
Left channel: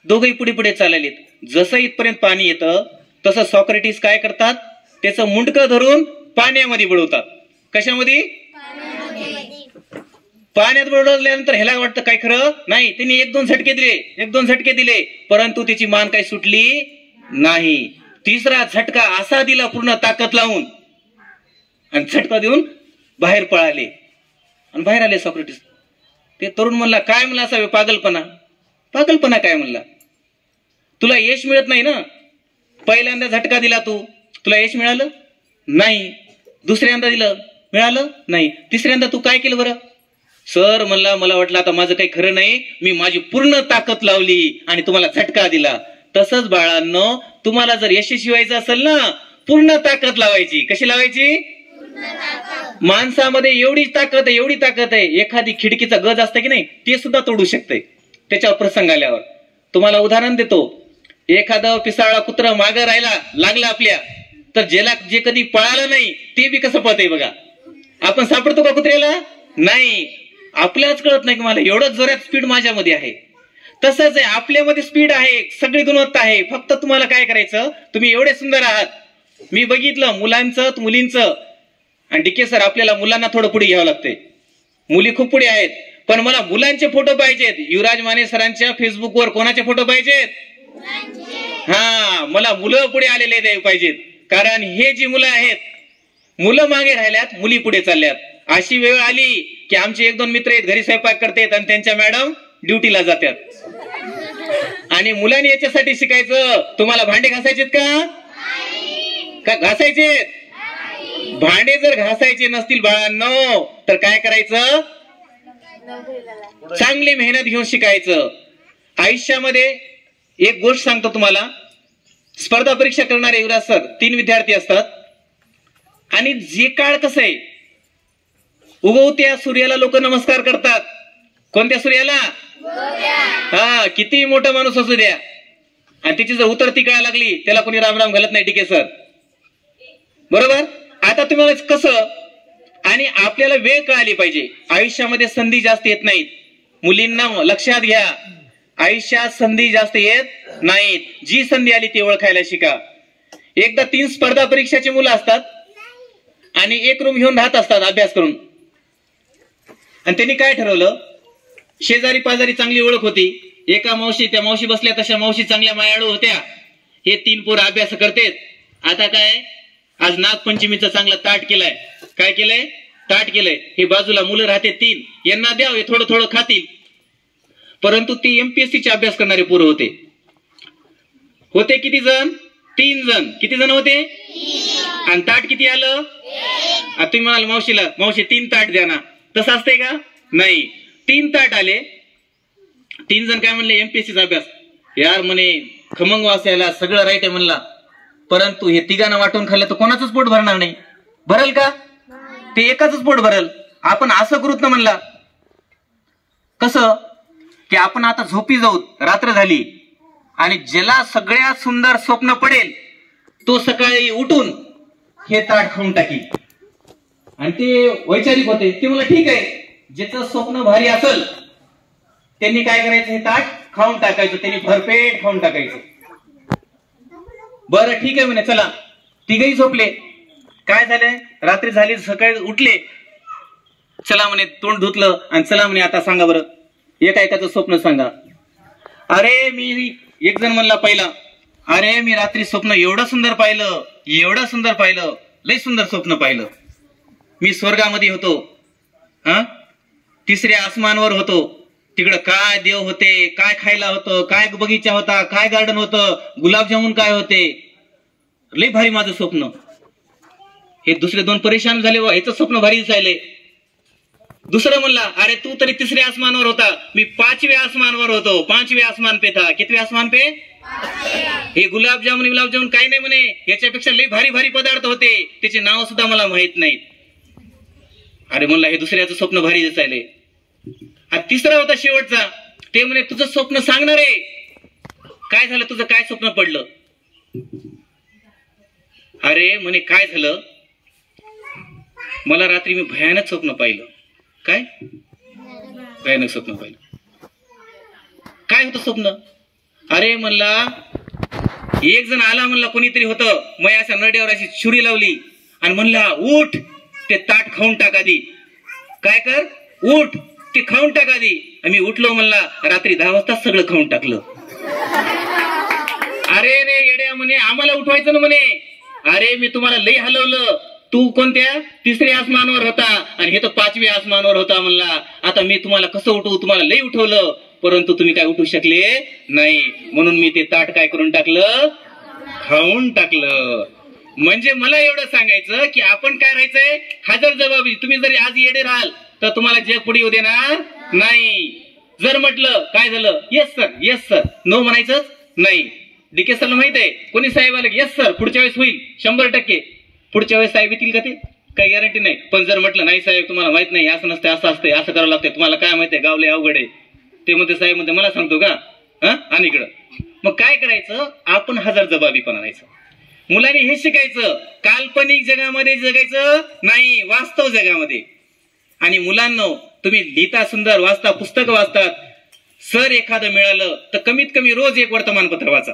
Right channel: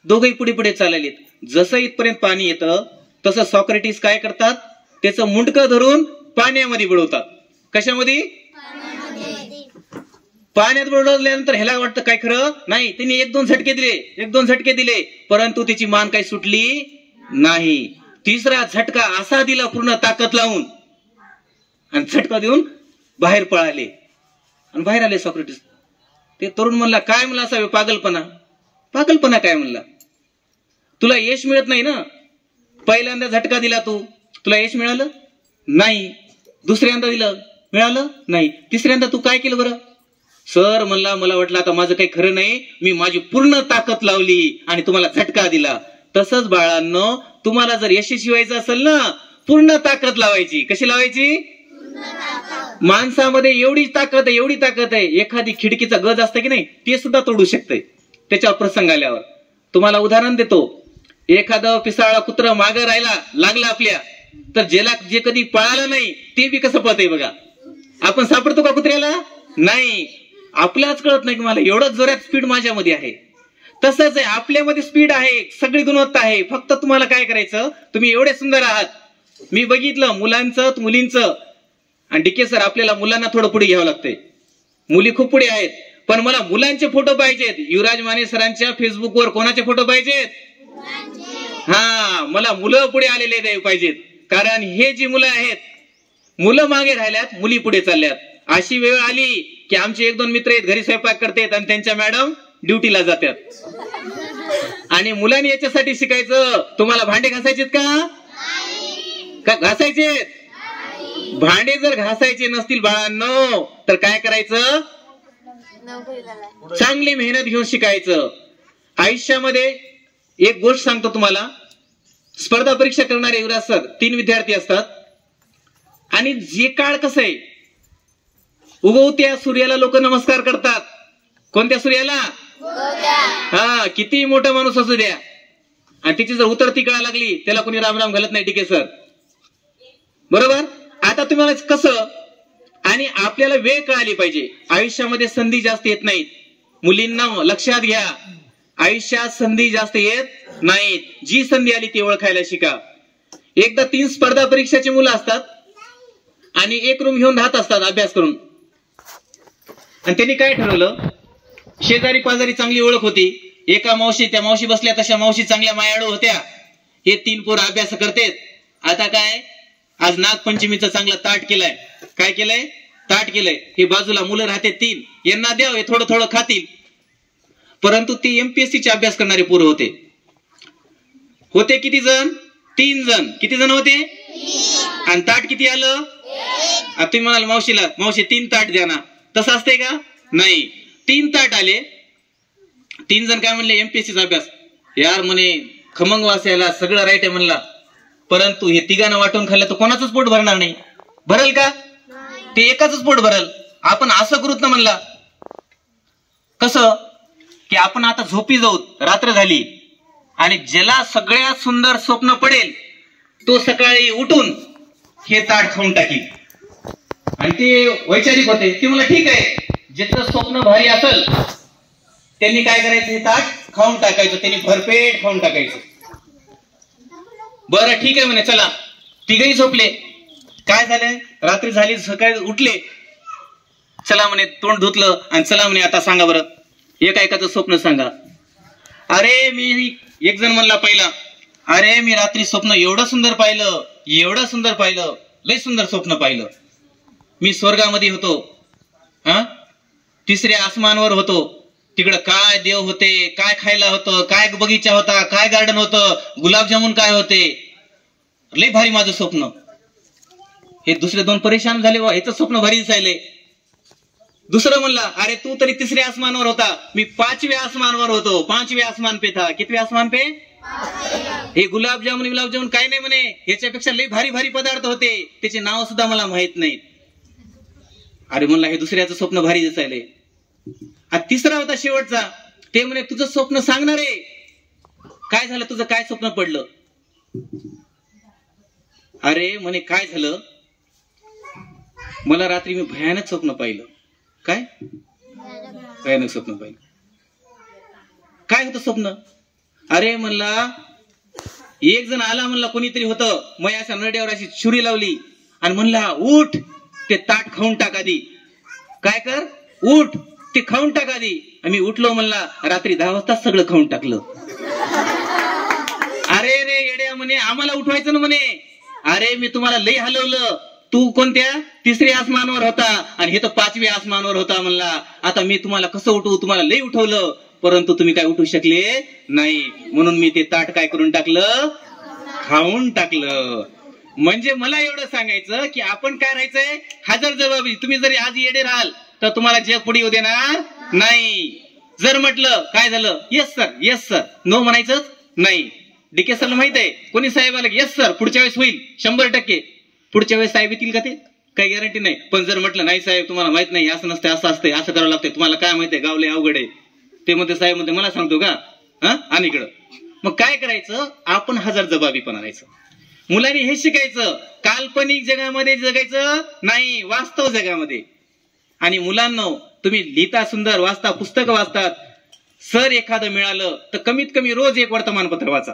दोघंही पुढे चाललेत. जसं इथपर्यंत पाणी येतं तसं सॉक्रेटिस काय करतात, त्याचं मुंडकं धरून पाण्यामध्ये बुडवतात. कशामध्ये? पाण्यात बुडवल्यानंतर ह्याला वाटतं काय खरं नाही. त्यांनी 1-2 झटके दिले, परंतु त्याची मान काही सुटली नाही. तिसरा झटका असा दिला पूर्ण ताकद लावून, आणि झटका देऊन बाहेर पळाले आणि बाहेर आले सॉक्रेटिस. ते तरुण म्हणला काय म्हणला असा पागलपणा काय म्हणला? तुला यश मिळत नाही ना. पहिल्यांदा झटका दिला तुला यश मिळालं नाही. दुसऱ्यांदा दिलं, मिळालं नाही. तिसऱ्यांदा तू काय केलं बरं? सर म्हणला मला वाटलं आता माझं काही खरं नाही, मी माझी पूर्ण ताकद लावली आणि तुम्हाला झटका दिला. तसंच बाळांनो, तुम्हाला जर यशस्वी व्हायचं असेल ना, पूर्ण ताकद लावायची. कशी लावायची? माणसामध्ये एवढी ताकद आहे. एखादी खिडकीचा गज असते की नाही, ते सुद्धा तोडू शकते त्याच्यावर प्रसंग आल्यावर. तुम्हाला उदाहरण देतो. एखादं पिसाळा कुत्रा मागं राहायला लागला आपल्या, तर जे कधी पळालं नाही ते बी कसं पळतंय बघा. आपण सापडतो का कुत्र्याला? नाही. आपल्यालाच कळत नाही की मला एवढं जोरात स्पीड माझ्यामध्ये आहे. तसंच आहे, आपल्यामध्ये स्पीड आहे, सगळी गुणवत्ता आहे. फक्त तुम्हाला काय करायचं, तुम्ही एवढे सुंदर आहात. मी बघितलं मुलांचं मुलींचं, आणि डीके सर आपल्याला मुलांना थोडं पुढे घ्यावं लागतंय. मुली खूप पुढे आहेत, पण मला मुलांचे फोटो पाहिजेत. युवराज माने सरांच्या फेसबुकवर कोणाचे फोटो पाहिजेत? हा, मला मुलं पुढे आलेले पाहिजेत. कारण हे जी मुलं आहेत, मुलं मागे राहिल्यात, मुली पुढे चालल्यात. अशी वेळ आली की आमचे 1-2 मित्र आहेत, घरी स्वयंपाक करतात आणि त्यांच्या मॅडम ड्युटीला जातात. आणि मुलांनी याच्यासाठी शिकायचं, तुम्हाला भांडे घासायचेत का घासायचेत? भांडे जर घासायचे नसतील बाळांनो, तर काय करायचं? चांगली मेहनत घेऊन शिकायचं. आयुष्यामध्ये एक गोष्ट सांगतो तुम्हाला. स्पर्धा परीक्षा करणारे युवराज सर 3 विद्यार्थी असतात. आणि जे काळ कसं आहे, उगवत्या सूर्याला लोक नमस्कार करतात. कोणत्या सूर्याला? हा, किती मोठा माणूस असू द्या, आणि त्याची जर उतरती काळ लागली त्याला कोणी राम राम घालत नाही. डीके सर बरोबर. आता तुम्हाला कसं, आणि आपल्याला वेळ का आली पाहिजे. आयुष्यामध्ये संधी जास्त येत नाहीत. मुलींना लक्षात घ्या, आयुष्यात संधी जास्त येत नाहीत. जी संधी आली ती ओळखायला शिका. एकदा 3 स्पर्धा परीक्षाची मुलं असतात आणि एक रूम घेऊन राहत असतात अभ्यास करून. आणि त्यांनी काय ठरवलं, शेजारी पाजारी चांगली ओळख होती. एका मावशी, त्या मावशी बसल्या तशा मावशी चांगल्या मायाळू होत्या. हे 3 पोरं अभ्यास करतेत. आता काय, आज नागपंचमीचं चांगलं ताट केलंय. काय केलंय? ताट केलंय. हे बाजूला मुलं राहते 3, यांना द्याव, हे थोडं थोडं खातील. परंतु ते एमपीएससीचे अभ्यास करणारे पोरं होते किती जण? 3 जण. किती जण होते? आणि ताट किती आलं? आता तुम्ही म्हणाल मावशीला, मावशी 3 ताट द्या ना. तसं असतंय का? नाही. 3 ताट आले. 3 जण काय म्हणले, एमपीएससीचा अभ्यास. यार म्हणे खमंग वास यायला, सगळं राईट आहे म्हणला. परंतु हे 3घांना वाटून खाल्लं तर कोणाचंच पोट भरणार नाही. भरल का? ते एकाच पोट भरल. आपण असं करूत ना म्हणला. कसं की आपण आता झोपी जाऊ, रात्र झाली, आणि ज्याला सगळ्यात सुंदर स्वप्न पडेल तो सकाळी उठून हे ताट खाऊन टाकील. आणि ते वैचारिक होते. ते मला ठीक आहे, ज्याचं स्वप्न भारी असेल त्यांनी काय करायचं, हे ताट खाऊन टाकायचं. त्यांनी भरपेट खाऊन टाकायचं. बरं ठीक आहे म्हणे, चला. 3घही झोपले. काय झालंय, रात्री झाली, सकाळी उठले. चला म्हणे, तोंड धुतलं आणि चला म्हणे, आता सांगा बरं एकाचं स्वप्न सांगा. अरे मी, एक जण म्हणला पहिला, अरे मी रात्री स्वप्न एवढं सुंदर पाहिलं, एवढं सुंदर पाहिलं, लय सुंदर स्वप्न पाहिलं. मी स्वर्गामध्ये होतो, 3ऱ्या आसमानावर होतो. तिकडं काय देव होते, काय खायला होतं, काय बगीचा होता, काय गार्डन होतं, गुलाबजामुन काय होते. लय भारी माझं स्वप्न. हे दुसरे 2 परेशान झाले, ह्याचं स्वप्न भारी दिसायले. दुसरं म्हणला, अरे तू तरी 3ऱ्या आसमानावर होता, मी 5व्या आसमानावर होतो. 5वें आसमान पे था. कितवे आसमान पे? हे गुलाबजामुन काय नाही म्हणे, याच्यापेक्षा लय भारी भारी पदार्थ होते, त्याचे नाव सुद्धा मला माहित नाहीत. अरे म्हणला, हे दुसऱ्याचं स्वप्न भारी दिसायले. 3रा होता शेवटचा. ते म्हणे, तुझं स्वप्न सांगणार आहे. काय झालं, तुझं काय स्वप्न पडलं? अरे म्हणे, काय झालं, मला रात्री मी भयानक स्वप्न पाहिलं. काय भयानक स्वप्न पाहिलं? काय होतं स्वप्न? अरे म्हणला, एक जण आला म्हणला, कोणीतरी होतं, मग अशा नड्यावर अशी छुरी लावली आणि म्हणला, उठ, ते ताट खाऊन टाक आधी. काय कर, उठ, ते खाऊन टाक आधी. मी उठलो म्हणला, रात्री 10 वाजता सगळं खाऊन टाकलं. अरे रे येड्या म्हणे, आम्हाला उठवायचं ना म्हणे. अरे मी तुम्हाला लई हलवलं, तू कोणत्या 3ऱ्या आसमानावर होता आणि हे तर 5व्या आसमानावर होता म्हणला. आता मी तुम्हाला कसं उठवू, तुम्हाला लई उठवलं, परंतु तुम्ही काय उठू शकले नाही. म्हणून मी ते ताट काय करून टाकलं, खाऊन टाकलं. म्हणजे मला एवढं सांगायचं की आपण काय राहायचंय, हजर जबाबी. तुम्ही जरी आज येडे राहाल तर तुम्हाला जग पुढे येऊ देणार नाही. जर म्हटलं काय झालं, yes sir, yes sir, no म्हणायचंच नाही. डीके सरला माहित आहे, कोणी साहेब आलं येस सर, पुढच्या वेळेस होईल 100%. पुढच्या वेळेस साहेब येतील का ते काही गॅरंटी नाही. पण जर म्हटलं नाही साहेब तुम्हाला माहित नाही, असं नसतं, असं असतंय, असं करावं लागतंय, तुम्हाला काय माहिती आहे, गावले अवघड आहे, ते म्हणते साहेब म्हणते मला सांगतो का, आणि इकडं मग काय करायचं, आपण हजर जबाबीपणा राहायचं. मुलांनी हे शिकायचं, काल्पनिक जगामध्ये जगायचं नाही, वास्तव जगामध्ये. आणि मुलांनो, तुम्ही लिहिता सुंदर, वाचता, पुस्तकं वाचतात, सर एखादं मिळालं तर कमीत कमी रोज एक वर्तमानपत्र वाचा.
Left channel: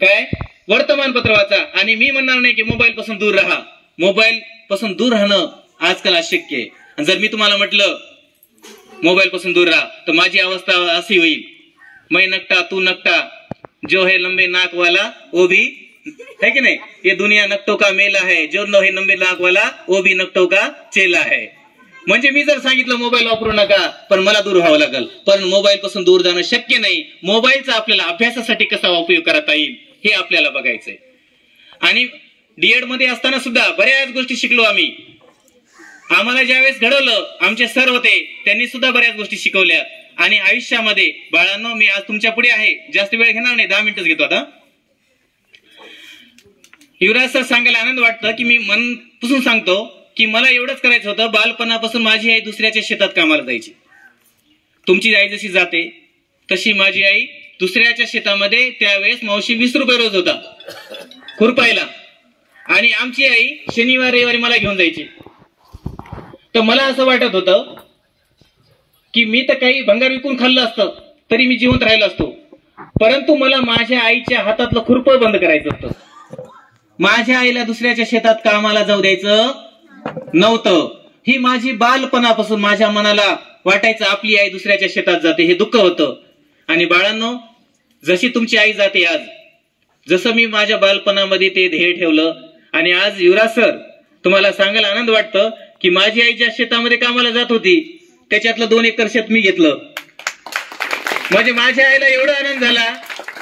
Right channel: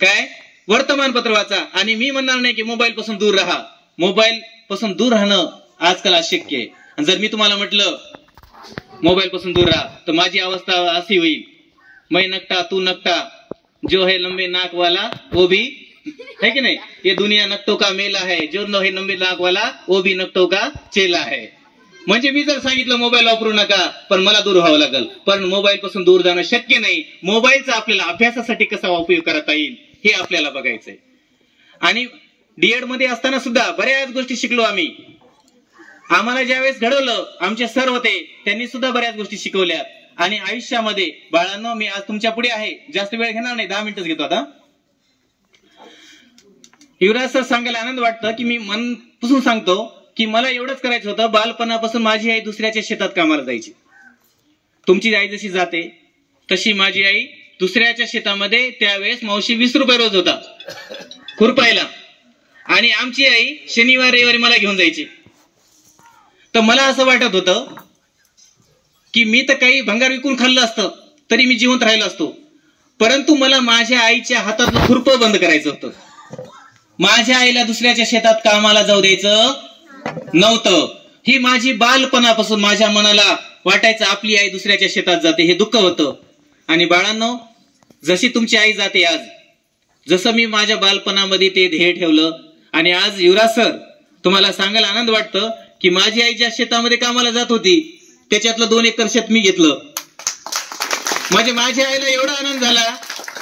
काय वर्तमानपत्र वाचा. आणि मी म्हणणार नाही की मोबाईल पासून दूर राहा. मोबाईल पासून दूर राहणं आजकाल अशक्य आहे. आणि जर मी तुम्हाला म्हटलं मोबाईल पासून दूर राहा तर माझी अवस्था अशी होईल, मैं नकटा तू नकटा, जो है लंबे नाक वाला वो भी है की नाही, ये दुनिया नकटों का मेला है, जो न है लंबे नाक वाला वो भी नकटों का चेला है. म्हणजे मी जर सांगितलं मोबाईल वापरू नका, पण मला दूर व्हावं लागेल. पण मोबाईल पासून दूर जाणं शक्य नाही. मोबाईलचा आपल्याला अभ्यासासाठी कसा उपयोग करता येईल हे आपल्याला बघायचंय. आणि डीएड मध्ये असताना सुद्धा बऱ्याच गोष्टी शिकलो आम्ही. आम्हाला ज्यावेळेस घडवलं आमचे सर होते, त्यांनी सुद्धा बऱ्याच गोष्टी शिकवल्या. आणि आयुष्यामध्ये बाळांनो, मी आज तुमच्या पुढे आहे, जास्त वेळ घेणार नाही, 10 मिनिटच घेतो आता. युवराज सर सांगायला आनंद वाटतं की मी मनपासून सांगतो की मला एवढंच करायचं होतं, बालपणापासून माझी आई दुसऱ्याच्या शेतात कामाला जायची. तुमची आई जशी जाते तशी माझी आई दुसऱ्याच्या शेतामध्ये, त्यावेळेस मावशी 20 रुपये रोज होता खुरपायला. आणि आमची आई शनिवार रविवारी मला घेऊन जायची. तर मला असं वाटत होतं की मी तर काही भंगार विकून खाल्लं असतं तरी मी जिवंत राहिलो असतो, परंतु मला माझ्या आईच्या हातातलं खुरपं बंद करायचं होतं. माझ्या आईला दुसऱ्याच्या शेतात कामाला जाऊ द्यायचं नव्हतं. ही माझी बालपणापासून माझ्या मनाला वाटायचं आपली आई दुसऱ्याच्या शेतात जाते, हे दुःख होतं. आणि बाळांनो, जशी तुमची आई जाते आज, जसं मी माझ्या बालपणामध्ये ते ध्येय ठेवलं, आणि आज युवराज सर तुम्हाला सांगायला आनंद वाटतं की माझी आई ज्या शेतामध्ये कामाला जात होती त्याच्यातलं 2 एकर शेत मी घेतलं. म्हणजे माझ्या आईला एवढा आनंद झाला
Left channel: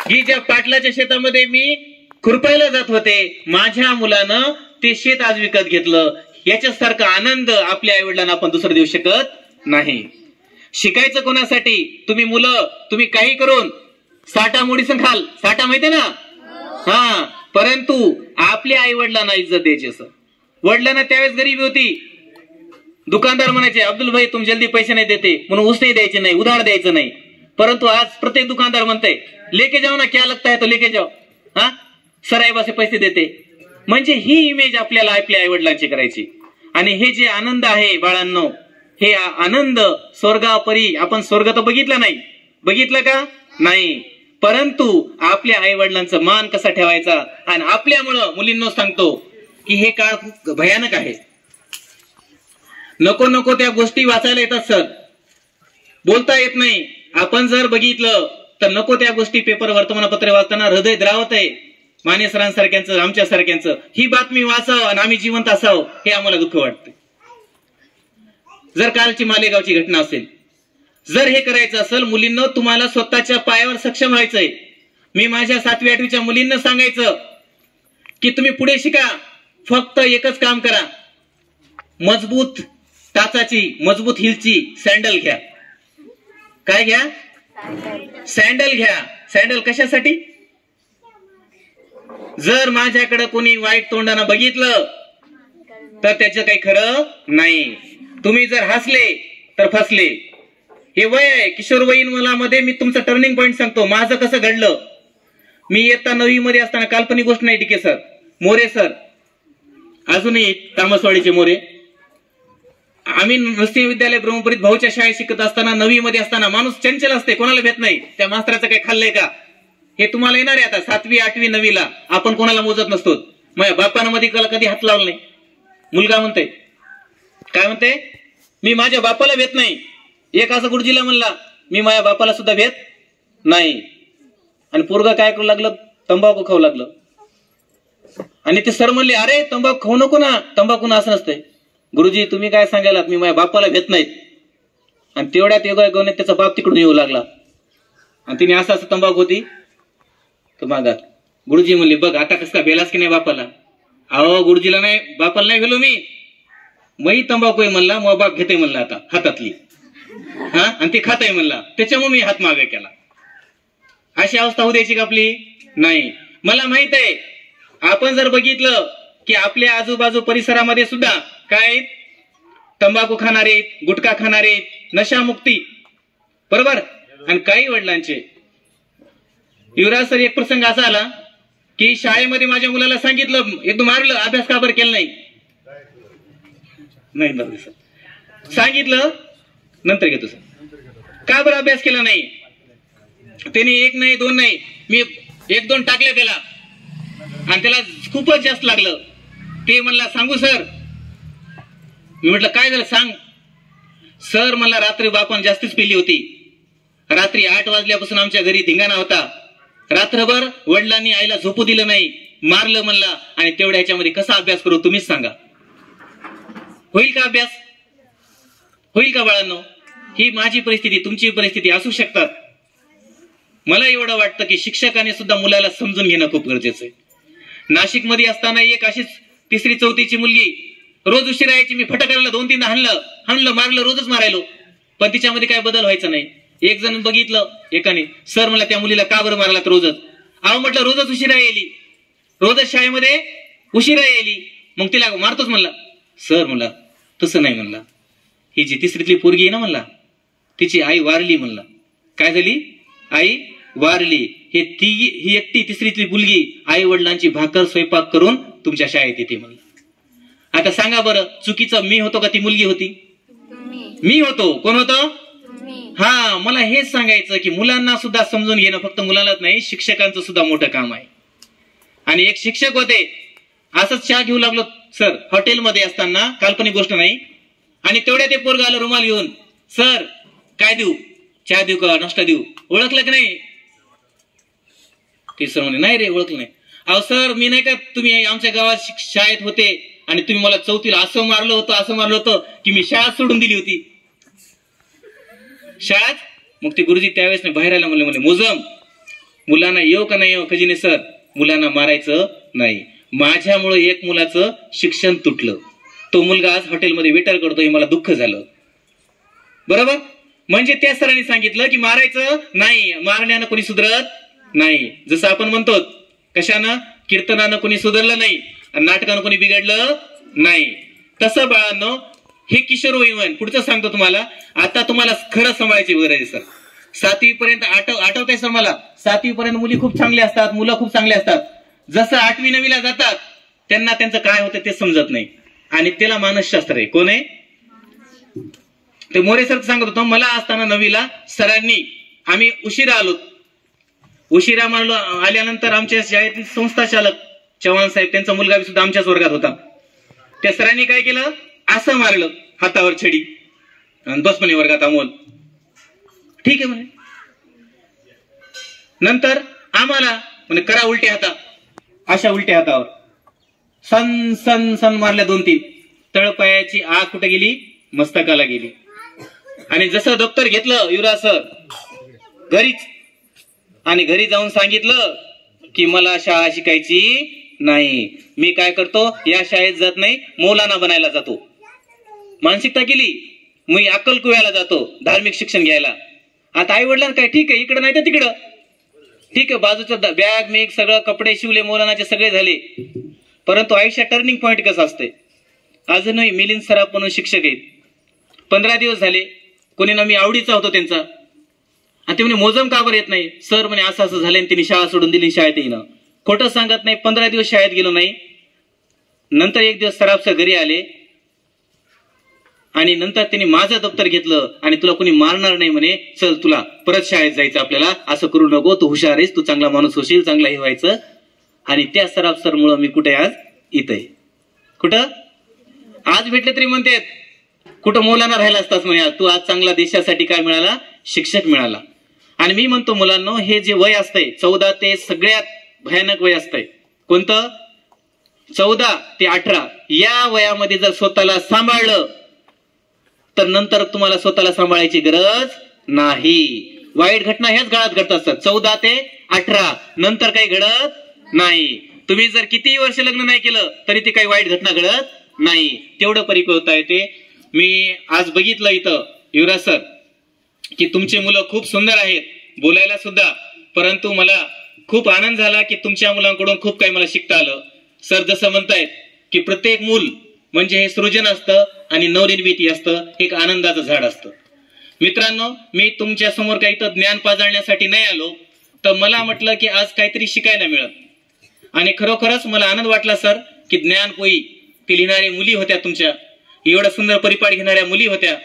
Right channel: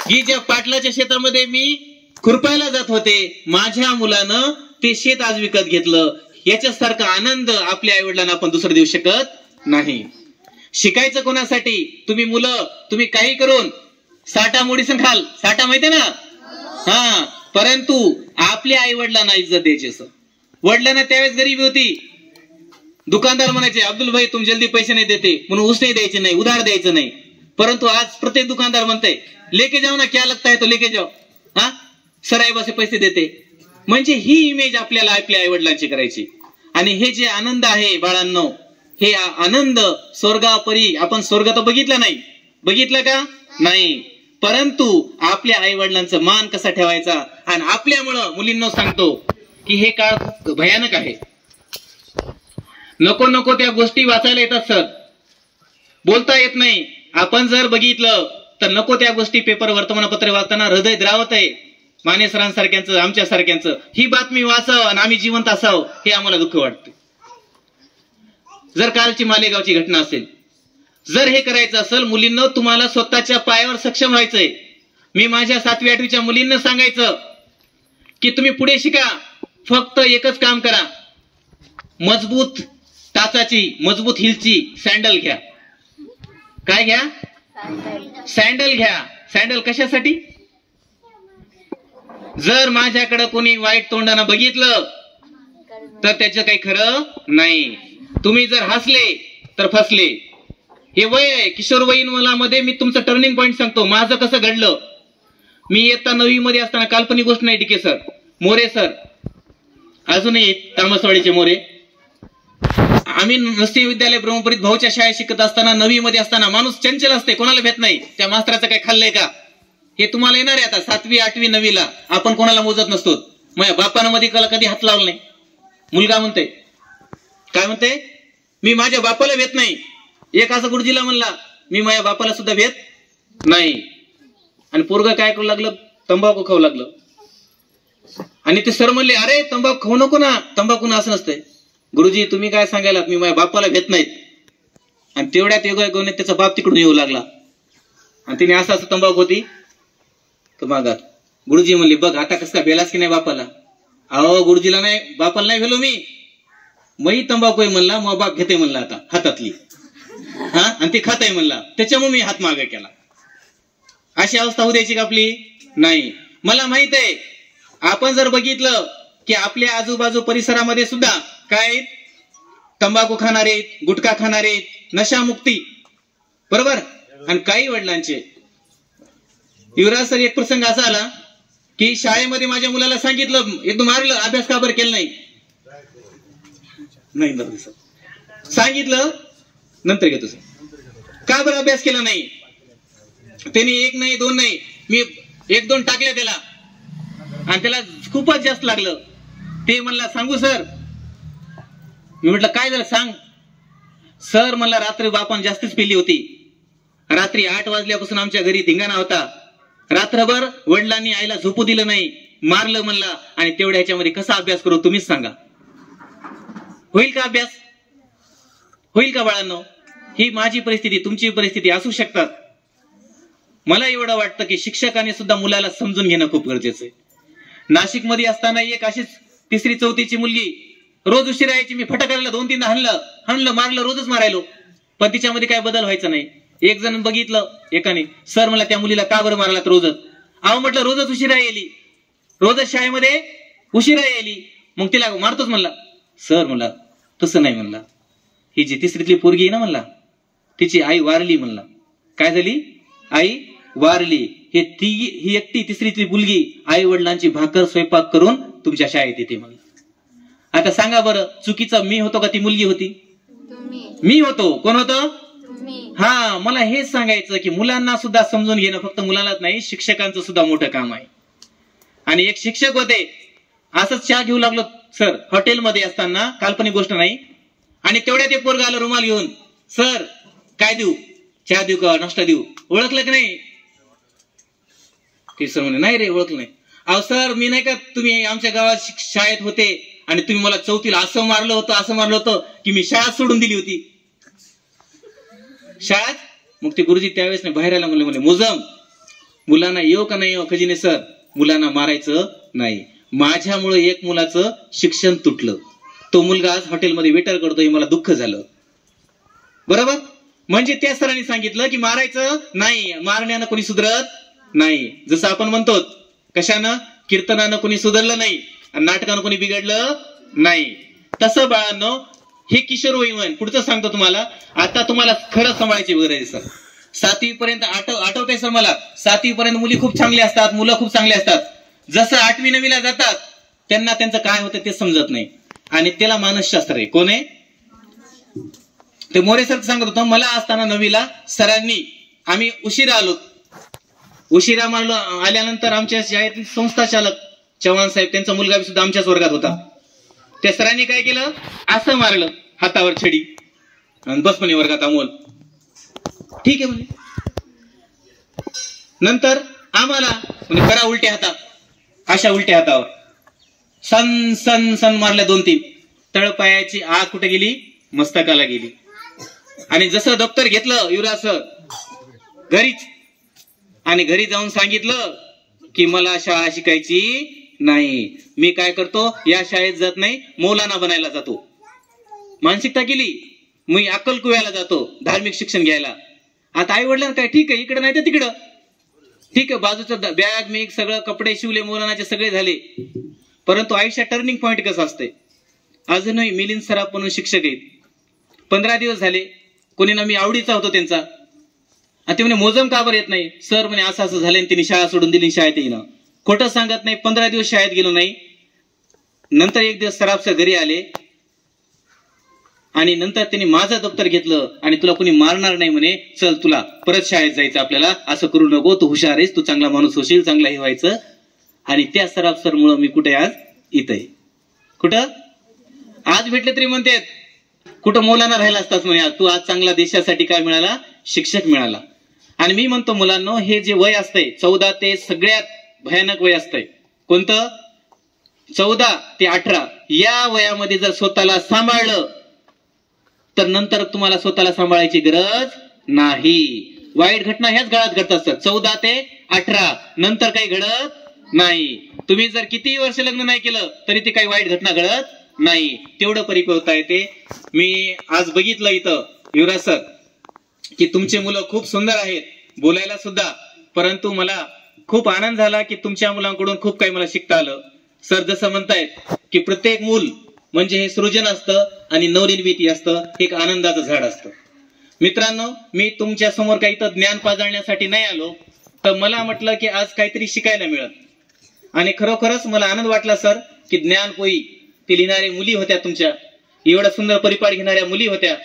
की ज्या पाटलाच्या शेतामध्ये मी खुरपायला जात होते, माझ्या मुलानं ते शेत आज विकत घेतलं. याच्यासारखा आनंद आपल्या आई वडिलांना आपण दुसरं देऊ शकत नाही. शिकायचं कोणासाठी? तुम्ही मुलं, तुम्ही काही करून साठा मोडीसन खाल, साठा माहिती ना, हा, परंतु आपल्या आई वडिलांना इज्जत द्यायची. असं वडिलांना त्यावेळेस गरीबी होती, दुकानदार म्हणायचे अब्दुल भाई तुम जल्दी पैसे नाही देते म्हणून ऊस नाही द्यायचे नाही, उधार द्यायचं नाही. परंतु आज प्रत्येक दुकानदार म्हणते लेके जाओ ना, क्या लगता है तो लेके जाओ, हा सराईबासे पैसे देते. म्हणजे ही इमेज आपल्याला आपल्या आई वडिलांची करायची. आणि हे जे आनंद आहे बाळांनो, हे आनंद स्वर्गापरी, आपण स्वर्ग तर बघितला नाही, बघितलं का नाही, परंतु आपल्या आई वडिलांचा मान कसा ठेवायचा. आणि आपल्यामुळं मुलींना सांगतो की हे काळ खूप भयानक आहे. नको नको त्या गोष्टी वाचायला येतात सर, बोलता येत नाही. आपण जर बघितलं तर नको त्या गोष्टी पेपर वर्तमानपत्र वाचताना हृदय द्रावत आहे. माने सरांसारख्यांचं, आमच्या सारख्यांचं ही बातमी वाचावं आणि आम्ही जिवंत असावं हे आम्हाला दुःख वाटतं. जर कालची मालेगावची घटना असेल, जर हे करायचं असेल, मुलींना तुम्हाला स्वतःच्या पायावर सक्षम व्हायचंय. मी माझ्या 7वी 8वीच्या मुलींना सांगायचं की तुम्ही पुढे शिका, फक्त एकच काम करा, मजबूत टाचाची, मजबूत हिलची सँडल घ्या. काय घ्या? सँडल घ्या. सँडल कशासाठी? जर माझ्याकडे कोणी वाईट तोंडानं बघितलं तर त्याचं काही खरं नाही. तुम्ही जर हसले तर फसले. हे वय आहे, किशोरवयीन मुलामध्ये मी तुमचं टर्निंग पॉईंट सांगतो. माझं कसं घडलं, मी इयत्ता 9वी मध्ये असताना, काल्पनिक गोष्ट नाही, डिके सर, मोरे सर, अजूनही तामसवाडीचे मोरे, आम्ही नृसिंह विद्यालय ब्रह्मपुरीत भाऊच्या शाळेत शिकत असताना 9वी मध्ये असताना, माणूस चंचल असते, कोणाला भेट नाही, त्या मास्तराचं काही खाल्लंय का हे तुम्हाला येणार आहे. आता 7वी 8वी 9वीला आपण कोणाला मोजत नसतो. माझ्या बापानं मध्ये कधी हात लावला नाही. मुलगा म्हणते, काय म्हणते, मी माझ्या बापाला भेट नाही. एक असं गुरुजीला म्हणला, मी माझ्या बापाला सुद्धा भेट नाही. आणि पोरगा काय करू लागलं, तंबाखू खाऊ लागलं. आणि ते सर म्हणले, अरे तंबाखू खाऊ नको ना, तंबाखू असं नसतंय. गुरुजी तुम्ही काय सांगायला, मी माझ्या बापाला भेट नाहीत. आणि तेवढ्यात योगायोगाने त्याचा बाप तिकडून येऊ लागला आणि तिने असं असं तंबाखू होती तो मागात. गुरुजी म्हणले, बघ आता कसं काय बेलास की नाही बापाला. अहो गुरुजीला नाही, बापाला नाही भेलो मी तंबाखू आहे म्हणला, मग बाप घेते म्हणला आता हातातली, हा, आणि ते खात आहे म्हणला, त्याच्यामुळे मी हात मागे केला. अशी अवस्था होऊ द्यायची का आपली? नाही. मला माहित आहे, आपण जर बघितलं की आपल्या आजूबाजू परिसरामध्ये सुद्धा काय तंबाखू खाणारे, गुटखा खाणारे, नशामुक्ती, बरोबर. आणि काही वडिलांचे, युवराज सर एक प्रसंग असा आला की शाळेमध्ये माझ्या मुलाला सांगितलं, एकदम मारलं, अभ्यास का बरं केला नाही सांगितलं, नंतर घेतो सर, का बरं अभ्यास केला नाही. त्याने 1 नाही 2 नाही, मी 1-2 टाकले त्याला आणि त्याला खूपच जास्त लागलं. ते म्हणला, सांगू सर. मी म्हटलं काय झालं सांग. सर मला रात्री बापान जास्तीच पिली होती. रात्री 8 वाजल्यापासून आमच्या घरी धिंगाणा होता. रात्रभर वडिलांनी आईला झोपू दिलं नाही, मारलं म्हणला. आणि तेवढ्या ह्याच्यामध्ये कसा अभ्यास करू तुम्हीच सांगा. होईल का अभ्यास? होईल का बाळांनो? ही माझी परिस्थिती, तुमची परिस्थिती असू शकतात. मला एवढं वाटतं की शिक्षकाने सुद्धा मुलाला समजून घेणं खूप गरजेचं आहे. नाशिकमध्ये असताना एक अशीच 3री 4थीची मुलगी रोज उशिरा यायची. मी फटकाराला 2-3दा हाणलं मारलं, रोजच मारायलो, पण तिच्यामध्ये काय बदल व्हायचा नाही. एक जण बघितलं एकाने, सर मला त्या मुलीला का बरं मारला रोजच. अहो म्हटलं रोजच उशिरा येली, रोजच शाळेमध्ये उशिरा येली, मग तिला मारतोच म्हणला. सर म्हणला तसं नाही म्हणला, ही जी 3रीतली पोरगी आहे ना म्हणला, तिची आई वारली म्हणला. काय झाली? आई वारली. ही एकटी 3रीतली मुलगी आई वडिलांची भाकर स्वयंपाक करून तुमच्या शाळेत येते म्हणला. आता सांगा बरं, चुकीचा मी होतो का ती मुलगी होती? मी होतो. कोण होतो? मी. हा, मला हेच सांगायचं की मुलांना सुद्धा समजून घेणं फक्त मुलांनाच नाही, शिक्षकांचं सुद्धा मोठं काम आहे. आणि एक शिक्षक होते, असंच चहा घेऊ लागलो सर हॉटेलमध्ये असताना, काल्पनिक गोष्ट नाही. आणि तेवढ्या ते पोरग आलं रुमाल घेऊन, सर काय देऊ, चहा देऊ का नाश्ता देऊ? ओळखलं की नाही? ते सर म्हणे नाही रे ओळखलं नाही. अहो सर मी नाही का, तुम्ही आमच्या गावात शाळेत होते आणि तुम्ही मला चौथीला असं मारलं होतं की मी शाळा सोडून दिली होती. शाळेत मग ते गुरुजी त्यावेळेस नाही बाहेर आला, म्हणले मोजम मुलांना येऊ का नाही येऊ? खजिने सर मुलांना मारायचं नाही. माझ्यामुळे एक मुलाचं शिक्षण तुटलं, तो मुलगा आज हॉटेलमध्ये वेटर करतो, हे मला दुःख झालं. बरोबर? म्हणजे त्या सरांनी सांगितलं की मारायचं नाही, मारण्यानं कोणी सुधरत नाही. जसं आपण म्हणतो कशानं, कीर्तनानं कोणी सुधारलं नाही आणि नाटकानं कोणी बिघडलं नाही. तसं बाळांनो हे किशोरवयीन, पुढचं सांगतो तुम्हाला. आता तुम्हाला खरं सांभाळायची गरज आहे सर. 7वी पर्यंत आठवतंय सर मला, 7वी पर्यंत मुली खूप चांगल्या असतात, मुलं खूप चांगले असतात. जसं 8वी 9वीला जातात त्यांना त्यांचं काय होतं ते समजत नाही, आणि त्याला मानसशास्त्र आहे. कोण आहे ते? मोरे सर सांगत होतो. मला असताना 9वीला सरांनी, आम्ही उशिरा आलो, उशिरा मारलो. आल्यानंतर आमच्या शाळेतील संस्था चालक चव्हाण साहेब, त्यांचा मुलगा सुद्धा आमच्याच वर्गात होता. त्या सरांनी काय केलं, असं मारलं हातावर छडी आणि बस म्हणे वर्गात अमोल. ठीक आहे म्हणे. नंतर आम्हाला म्हणे करा उलट्या हातात, अशा उलट्या हातावर सन सन सन मारल्या 2-3. तळपायाची आग कुठे गेली? मस्तकाला गेली. आणि जसं दप्तर घेतलं युवराज सर घरीच, आणि घरी जाऊन सांगितलं की मला शाळा शिकायची नाही, मी काय करतो या शाळेत जात नाही, मौलाना बनायला जातो. मानसिकता केली. मी अक्कलकुव्याला जातो धार्मिक शिक्षण घ्यायला. आता आई वडिलांना काय, ठीक आहे इकडं नाही तर तिकडं, ठीक आहे बाजूचं बॅग मेग सगळं कपडे शिवले, मौलानाचे सगळे झाले. परंतु आयुष्यात टर्निंग पॉईंट कसं असते, अजूनही मिलिंद सराफ म्हणून शिक्षक आहेत. 15 दिवस झाले, कोणी ना मी आवडीचा होतो त्यांचा, आणि ते म्हणे मोजम का बरं येत नाही? सर म्हणे असं असं झालं, त्यांनी शाळा सोडून दिली, शाळेत येईन. खोटं सांगत नाही, 15 दिवस शाळेत गेलो नाही. नंतर एक दिवस सराफ सर घरी आले, आणि नंतर त्यांनी माझं दप्तर घेतलं आणि तुला कोणी मारणार नाही म्हणे, चल तुला परत शाळेत जायचं आपल्याला, असं करू नको, तू हुशार आहेस, तू चांगला माणूस होशील, चांगला हे व्हायचं. आणि त्या सराफ सर मुळे मी कुठे आज इथं आहे. कुठं आज भेटले तरी म्हणतात कुठं मौलाना राहिला असतास म्हणे, तू आज चांगला देशासाठी काय मिळाला, शिक्षक मिळाला. आणि मी म्हणतो मुलांना, हे जे वय असतंय 14 ते सगळ्यात भयानक वय असतंय. कोणतं? 14 ते 18 या वयामध्ये जर स्वतःला सांभाळलं तर नंतर तुम्हाला स्वतःला सांभाळायची गरज नाही. वाईट घटना ह्याच काळात घडत असतात, 14 ते 18 नंतर काही घडत नाही. तुम्ही जर किती वर्ष लग्न नाही केलं तरी ती काही वाईट घटना घडत नाही. तेवढं परिपक्वता येते. मी आज बघितलं इथं युवराज सर की तुमची मुलं खूप सुंदर आहेत, बोलायला सुद्धा, परंतु मला खूप आनंद झाला की तुमच्या मुलांकडून खूप काही मला शिकता आलं. सर जसं म्हणतायत की प्रत्येक मूल म्हणजे हे सृजन असतं आणि नवनिर्मिती असतं, एक आनंदाचं झाड असतं. मित्रांनो, मी तुमच्या समोर काही तर ज्ञान पाजळण्यासाठी नाही आलो, तर मला म्हटलं की आज काहीतरी शिकायला मिळत. आणि खरोखरच मला आनंद वाटला सर की ज्ञानपोई ते लिहिणाऱ्या मुली होत्या, तुमच्या एवढ्या सुंदर परिपाठ घेणाऱ्या मुली होत्या,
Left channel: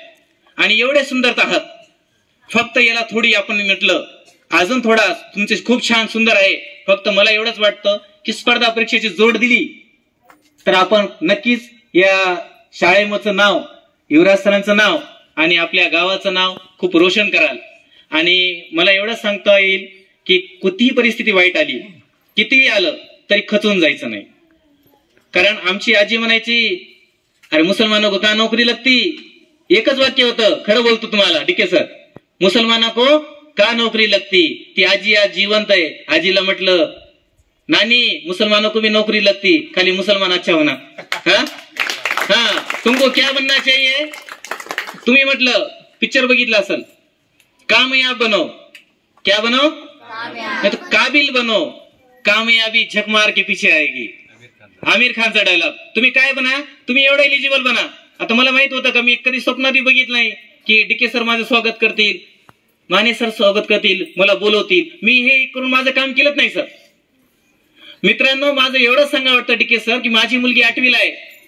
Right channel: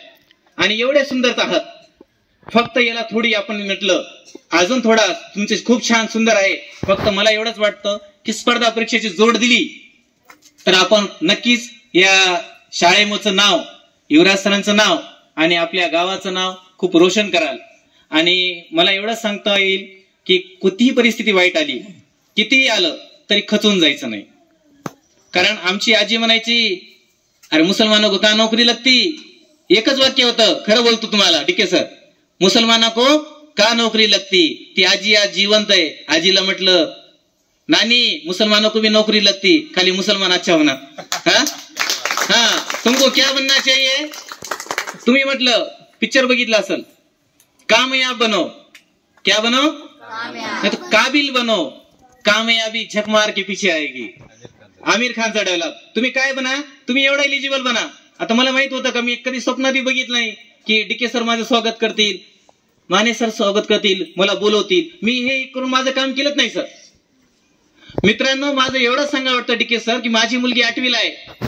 आणि एवढ्या सुंदर आहात. फक्त याला थोडी आपण म्हटलं अजून थोडा तुमचे खूप छान सुंदर आहे. फक्त मला एवढंच वाटतं की स्पर्धा परीक्षेची जोड दिली तर आपण नक्कीच या शाळेचं नाव, युवराज सरांचं नाव आणि आपल्या गावाचं नाव खूप रोशन कराल. आणि मला एवढंच सांगता येईल की कितीही परिस्थिती वाईट आली, कितीही आलं तरी खचून जायचं नाही. कारण आमची आजी म्हणायची, अरे मुसलमानों को का नौकरी लगती? एकच वाक्य होतं, खरं बोलतो तुम्हाला डीके सर, मुसलमानों को का नौकरी लगती? ती आजी आज जिवंत आहे. आजीला म्हटलं, नानी मुसलमानों को भी नौकरी लगती, खाली मुसलमान अच्छा होना. हाँ तुमको क्या बनना चाहिए? तुम्ही म्हटलं पिक्चर बघितला असेल, कामयाब बनो. क्या बनो? नहीं तो काबिल बनो. कामयाबी झक मार के पीछे आएगी. आमिर खानचा डायलॉग. तुम्ही काय बना, तुम्ही एवढा एलिजिबल बना. आता मला माहित होतं का, मी कधी स्वप्नातही बघितलं नाही की डीके सर माझं स्वागत करतील, माने सर स्वागत करतील, मला बोलवतील. मी हे करून माझं काम केलंच नाही सर. मित्रांनो, माझं एवढंच सांगा वाटतं डीके सर की माझी मुलगी 8वीला आहे,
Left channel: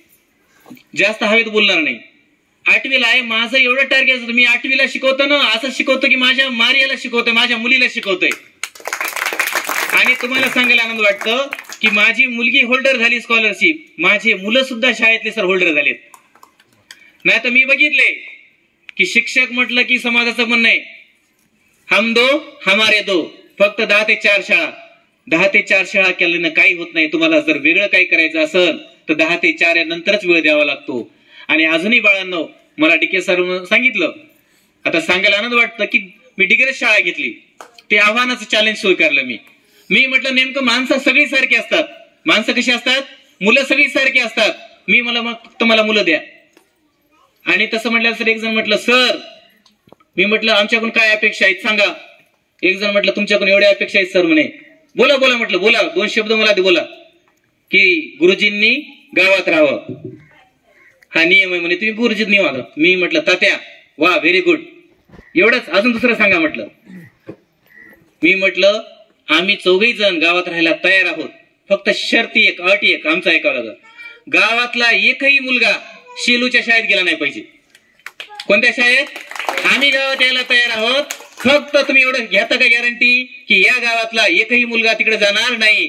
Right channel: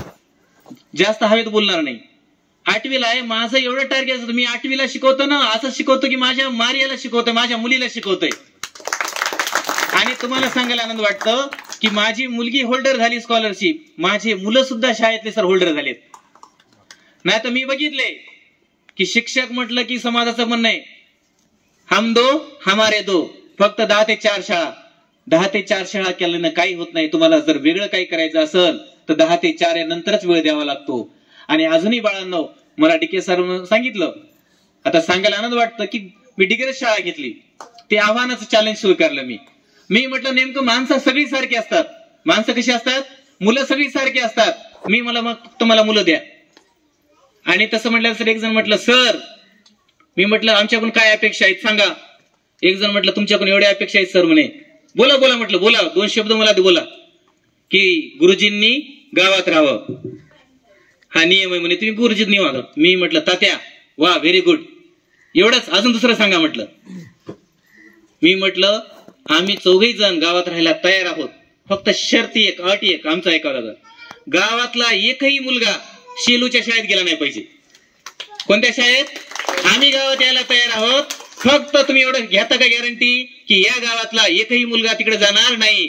जास्त हवेत बोलणार नाही. 8वीला आहे, माझं एवढं टार्गेट असतं, मी 8वीला शिकवतो ना, असं शिकवतो की माझ्या मारियाला शिकवतोय, माझ्या मुलीला शिकवतोय. आणि तुम्हाला सांगायला आनंद वाटतं की माझी मुलगी होल्डर झाली स्कॉलरशिप, माझे मुलं सुद्धा शाळेतले सर होल्डर झालेत. नाही तर मी बघितले की शिक्षक म्हटलं की समाजाचं म्हणणं आहे हम दो हमारे दो, फक्त 10 ते 4 शाळा. 10 ते 4 शाळा केल्यानं काही होत नाही. तुम्हाला जर वेगळं काही करायचं असेल तर 10 ते 4 या नंतरच वेळ द्यावा लागतो. आणि अजूनही बाळांनो, मला डीके सर सांगितलं, आता सांगायला आनंद वाटतं की मी डिग्री शाळा घेतली, ते आव्हानाचं चॅलेंज स्वीकारलं. मी म्हटलं नेमकं माणसं सगळी सारखी असतात. माणसं कशी असतात? मुलं सगळी सारखी असतात. मग फक्त मला मुलं द्या. आणि तसं म्हटलं सर, एक जण म्हटलं सर, मी म्हटलं आमच्याकडून काय अपेक्षा आहेत सांगा. एक जण म्हटलं तुमच्याकडून एवढ्या अपेक्षा आहेत सर म्हणे. बोला बोला म्हटलं, बोला 2 शब्द मला बोला. की गुरुजींनी गावात राहावं, हा नियम आहे म्हणे, तुम्ही गुरुजींनी वागा. मी म्हटलं तात्या वा व्हेरी गुड, एवढंच, अजून दुसरं सांगा म्हटलं. मी म्हटलं आम्ही 4घी जण गावात राहायला तयार आहोत, फक्त शर्ती एक, अटी एक, आमचा ऐकावं लागेल, गावातला एकही मुलगा शेलूच्या शाळेत गेला नाही पाहिजे. कोणत्या शाळेत? आम्ही गावात यायला तयार आहोत, फक्त तुम्ही एवढं घेता का गॅरंटी की या गावातला एकही मुलगा तिकडे जाणार नाही?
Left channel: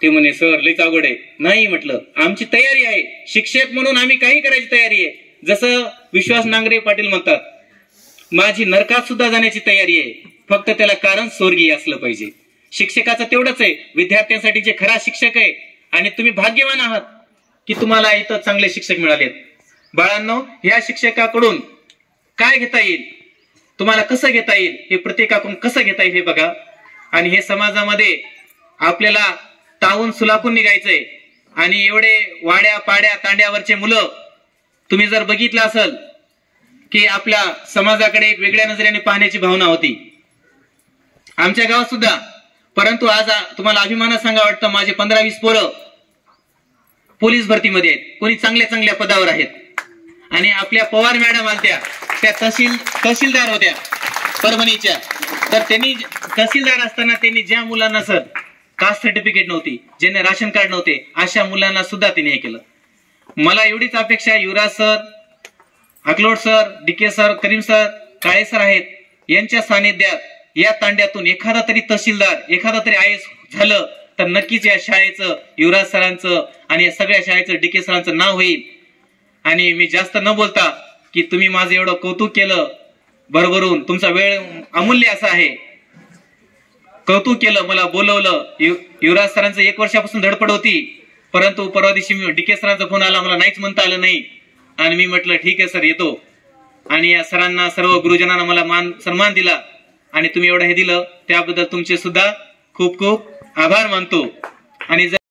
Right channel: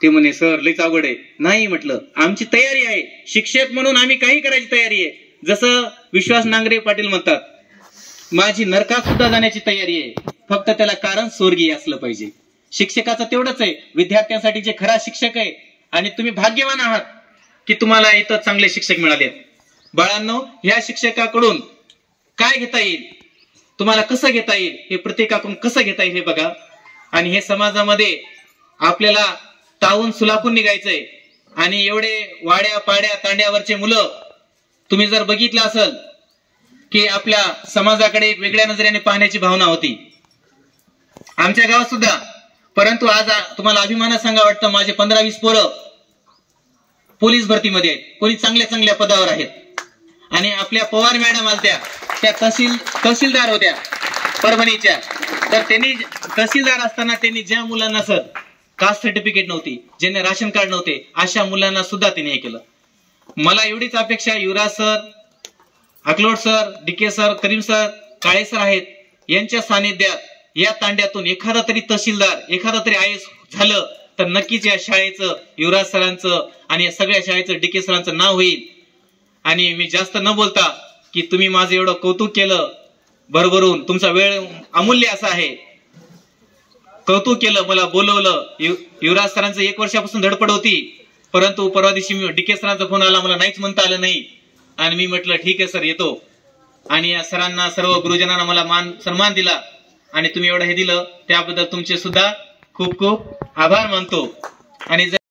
ते म्हणे सर लईच अवघड आहे. नाही म्हटलं, आमची तयारी आहे, शिक्षक म्हणून आम्ही काही करायची तयारी आहे. जसं विश्वास नांगरे पाटील म्हणतात, माझी नरकात सुद्धा जाण्याची तयारी आहे, फक्त त्याला कारण स्वर्गीय असलं पाहिजे. शिक्षकाचं तेवढंच आहे, विद्यार्थ्यांसाठी जे खरा शिक्षक आहे. आणि तुम्ही भाग्यवान आहात की तुम्हाला इथं चांगले शिक्षक मिळालेत. बाळांनो, ह्या शिक्षकाकडून काय घेता येईल, तुम्हाला कसं घेता येईल, हे प्रत्येकाकडून कसं घेता येईल हे बघा. आणि हे समाजामध्ये आपल्याला तावून सुलाखून निघायचंय. आणि एवढे वाड्या पाड्या तांड्यावरचे मुलं तुम्ही जर बघितलं असेल की आपल्या समाजाकडे एक वेगळ्या नजरेने पाहण्याची भावना होती आमच्या गावात सुद्धा. परंतु आज तुम्हाला अभिमानात सांगा वाटतं, माझे 15-20 पोरं पोलीस भरतीमध्ये आहेत, कोणी चांगल्या चांगल्या पदावर आहेत. आणि आपल्या पवार मॅडम आलत्या, त्या तहसीलदार होत्या परभणीच्या. तर त्यांनी तहसीलदार असताना त्यांनी ज्या मुलांना सर कास्ट सर्टिफिकेट नव्हती, ज्यांना राशन कार्ड नव्हते, अशा मुलांना सुद्धा त्यांनी हे केलं. मला एवढीच अपेक्षा, Yuvraj sir, Akalod sir, DK sir, Karim sir, Kale sir आहेत, यांच्या सानिध्यात या तांड्यातून एखादा तरी तहसीलदार, एखादा तरी IAS झालं तर नक्कीच या शाळेचं, युवराज सरांचं आणि या सगळ्या शाळेचं, डीके सरांचं नाव होईल. आणि मी जास्त न बोलता की तुम्ही माझं एवढं कौतुक केलं भरभरून, तुमचा वेळ अमूल्य असा आहे, कौतुक केलं, मला बोलवलं. युवराज सरांचं 1 वर्षापासून धडपड होती, परंतु परवा दिवशी डीके सरांचा फोन आला, मला नाहीच म्हणता आलं नाही. आणि मी म्हटलं ठीक आहे सर, येतो. आणि या सरांना, सर्व गुरुजनांना मला सन्मान दिला. आणि तुम्ही एवढं हे दिलं त्याबद्दल तुमचे सुद्धा खूप खूप आभार मानतो. आणि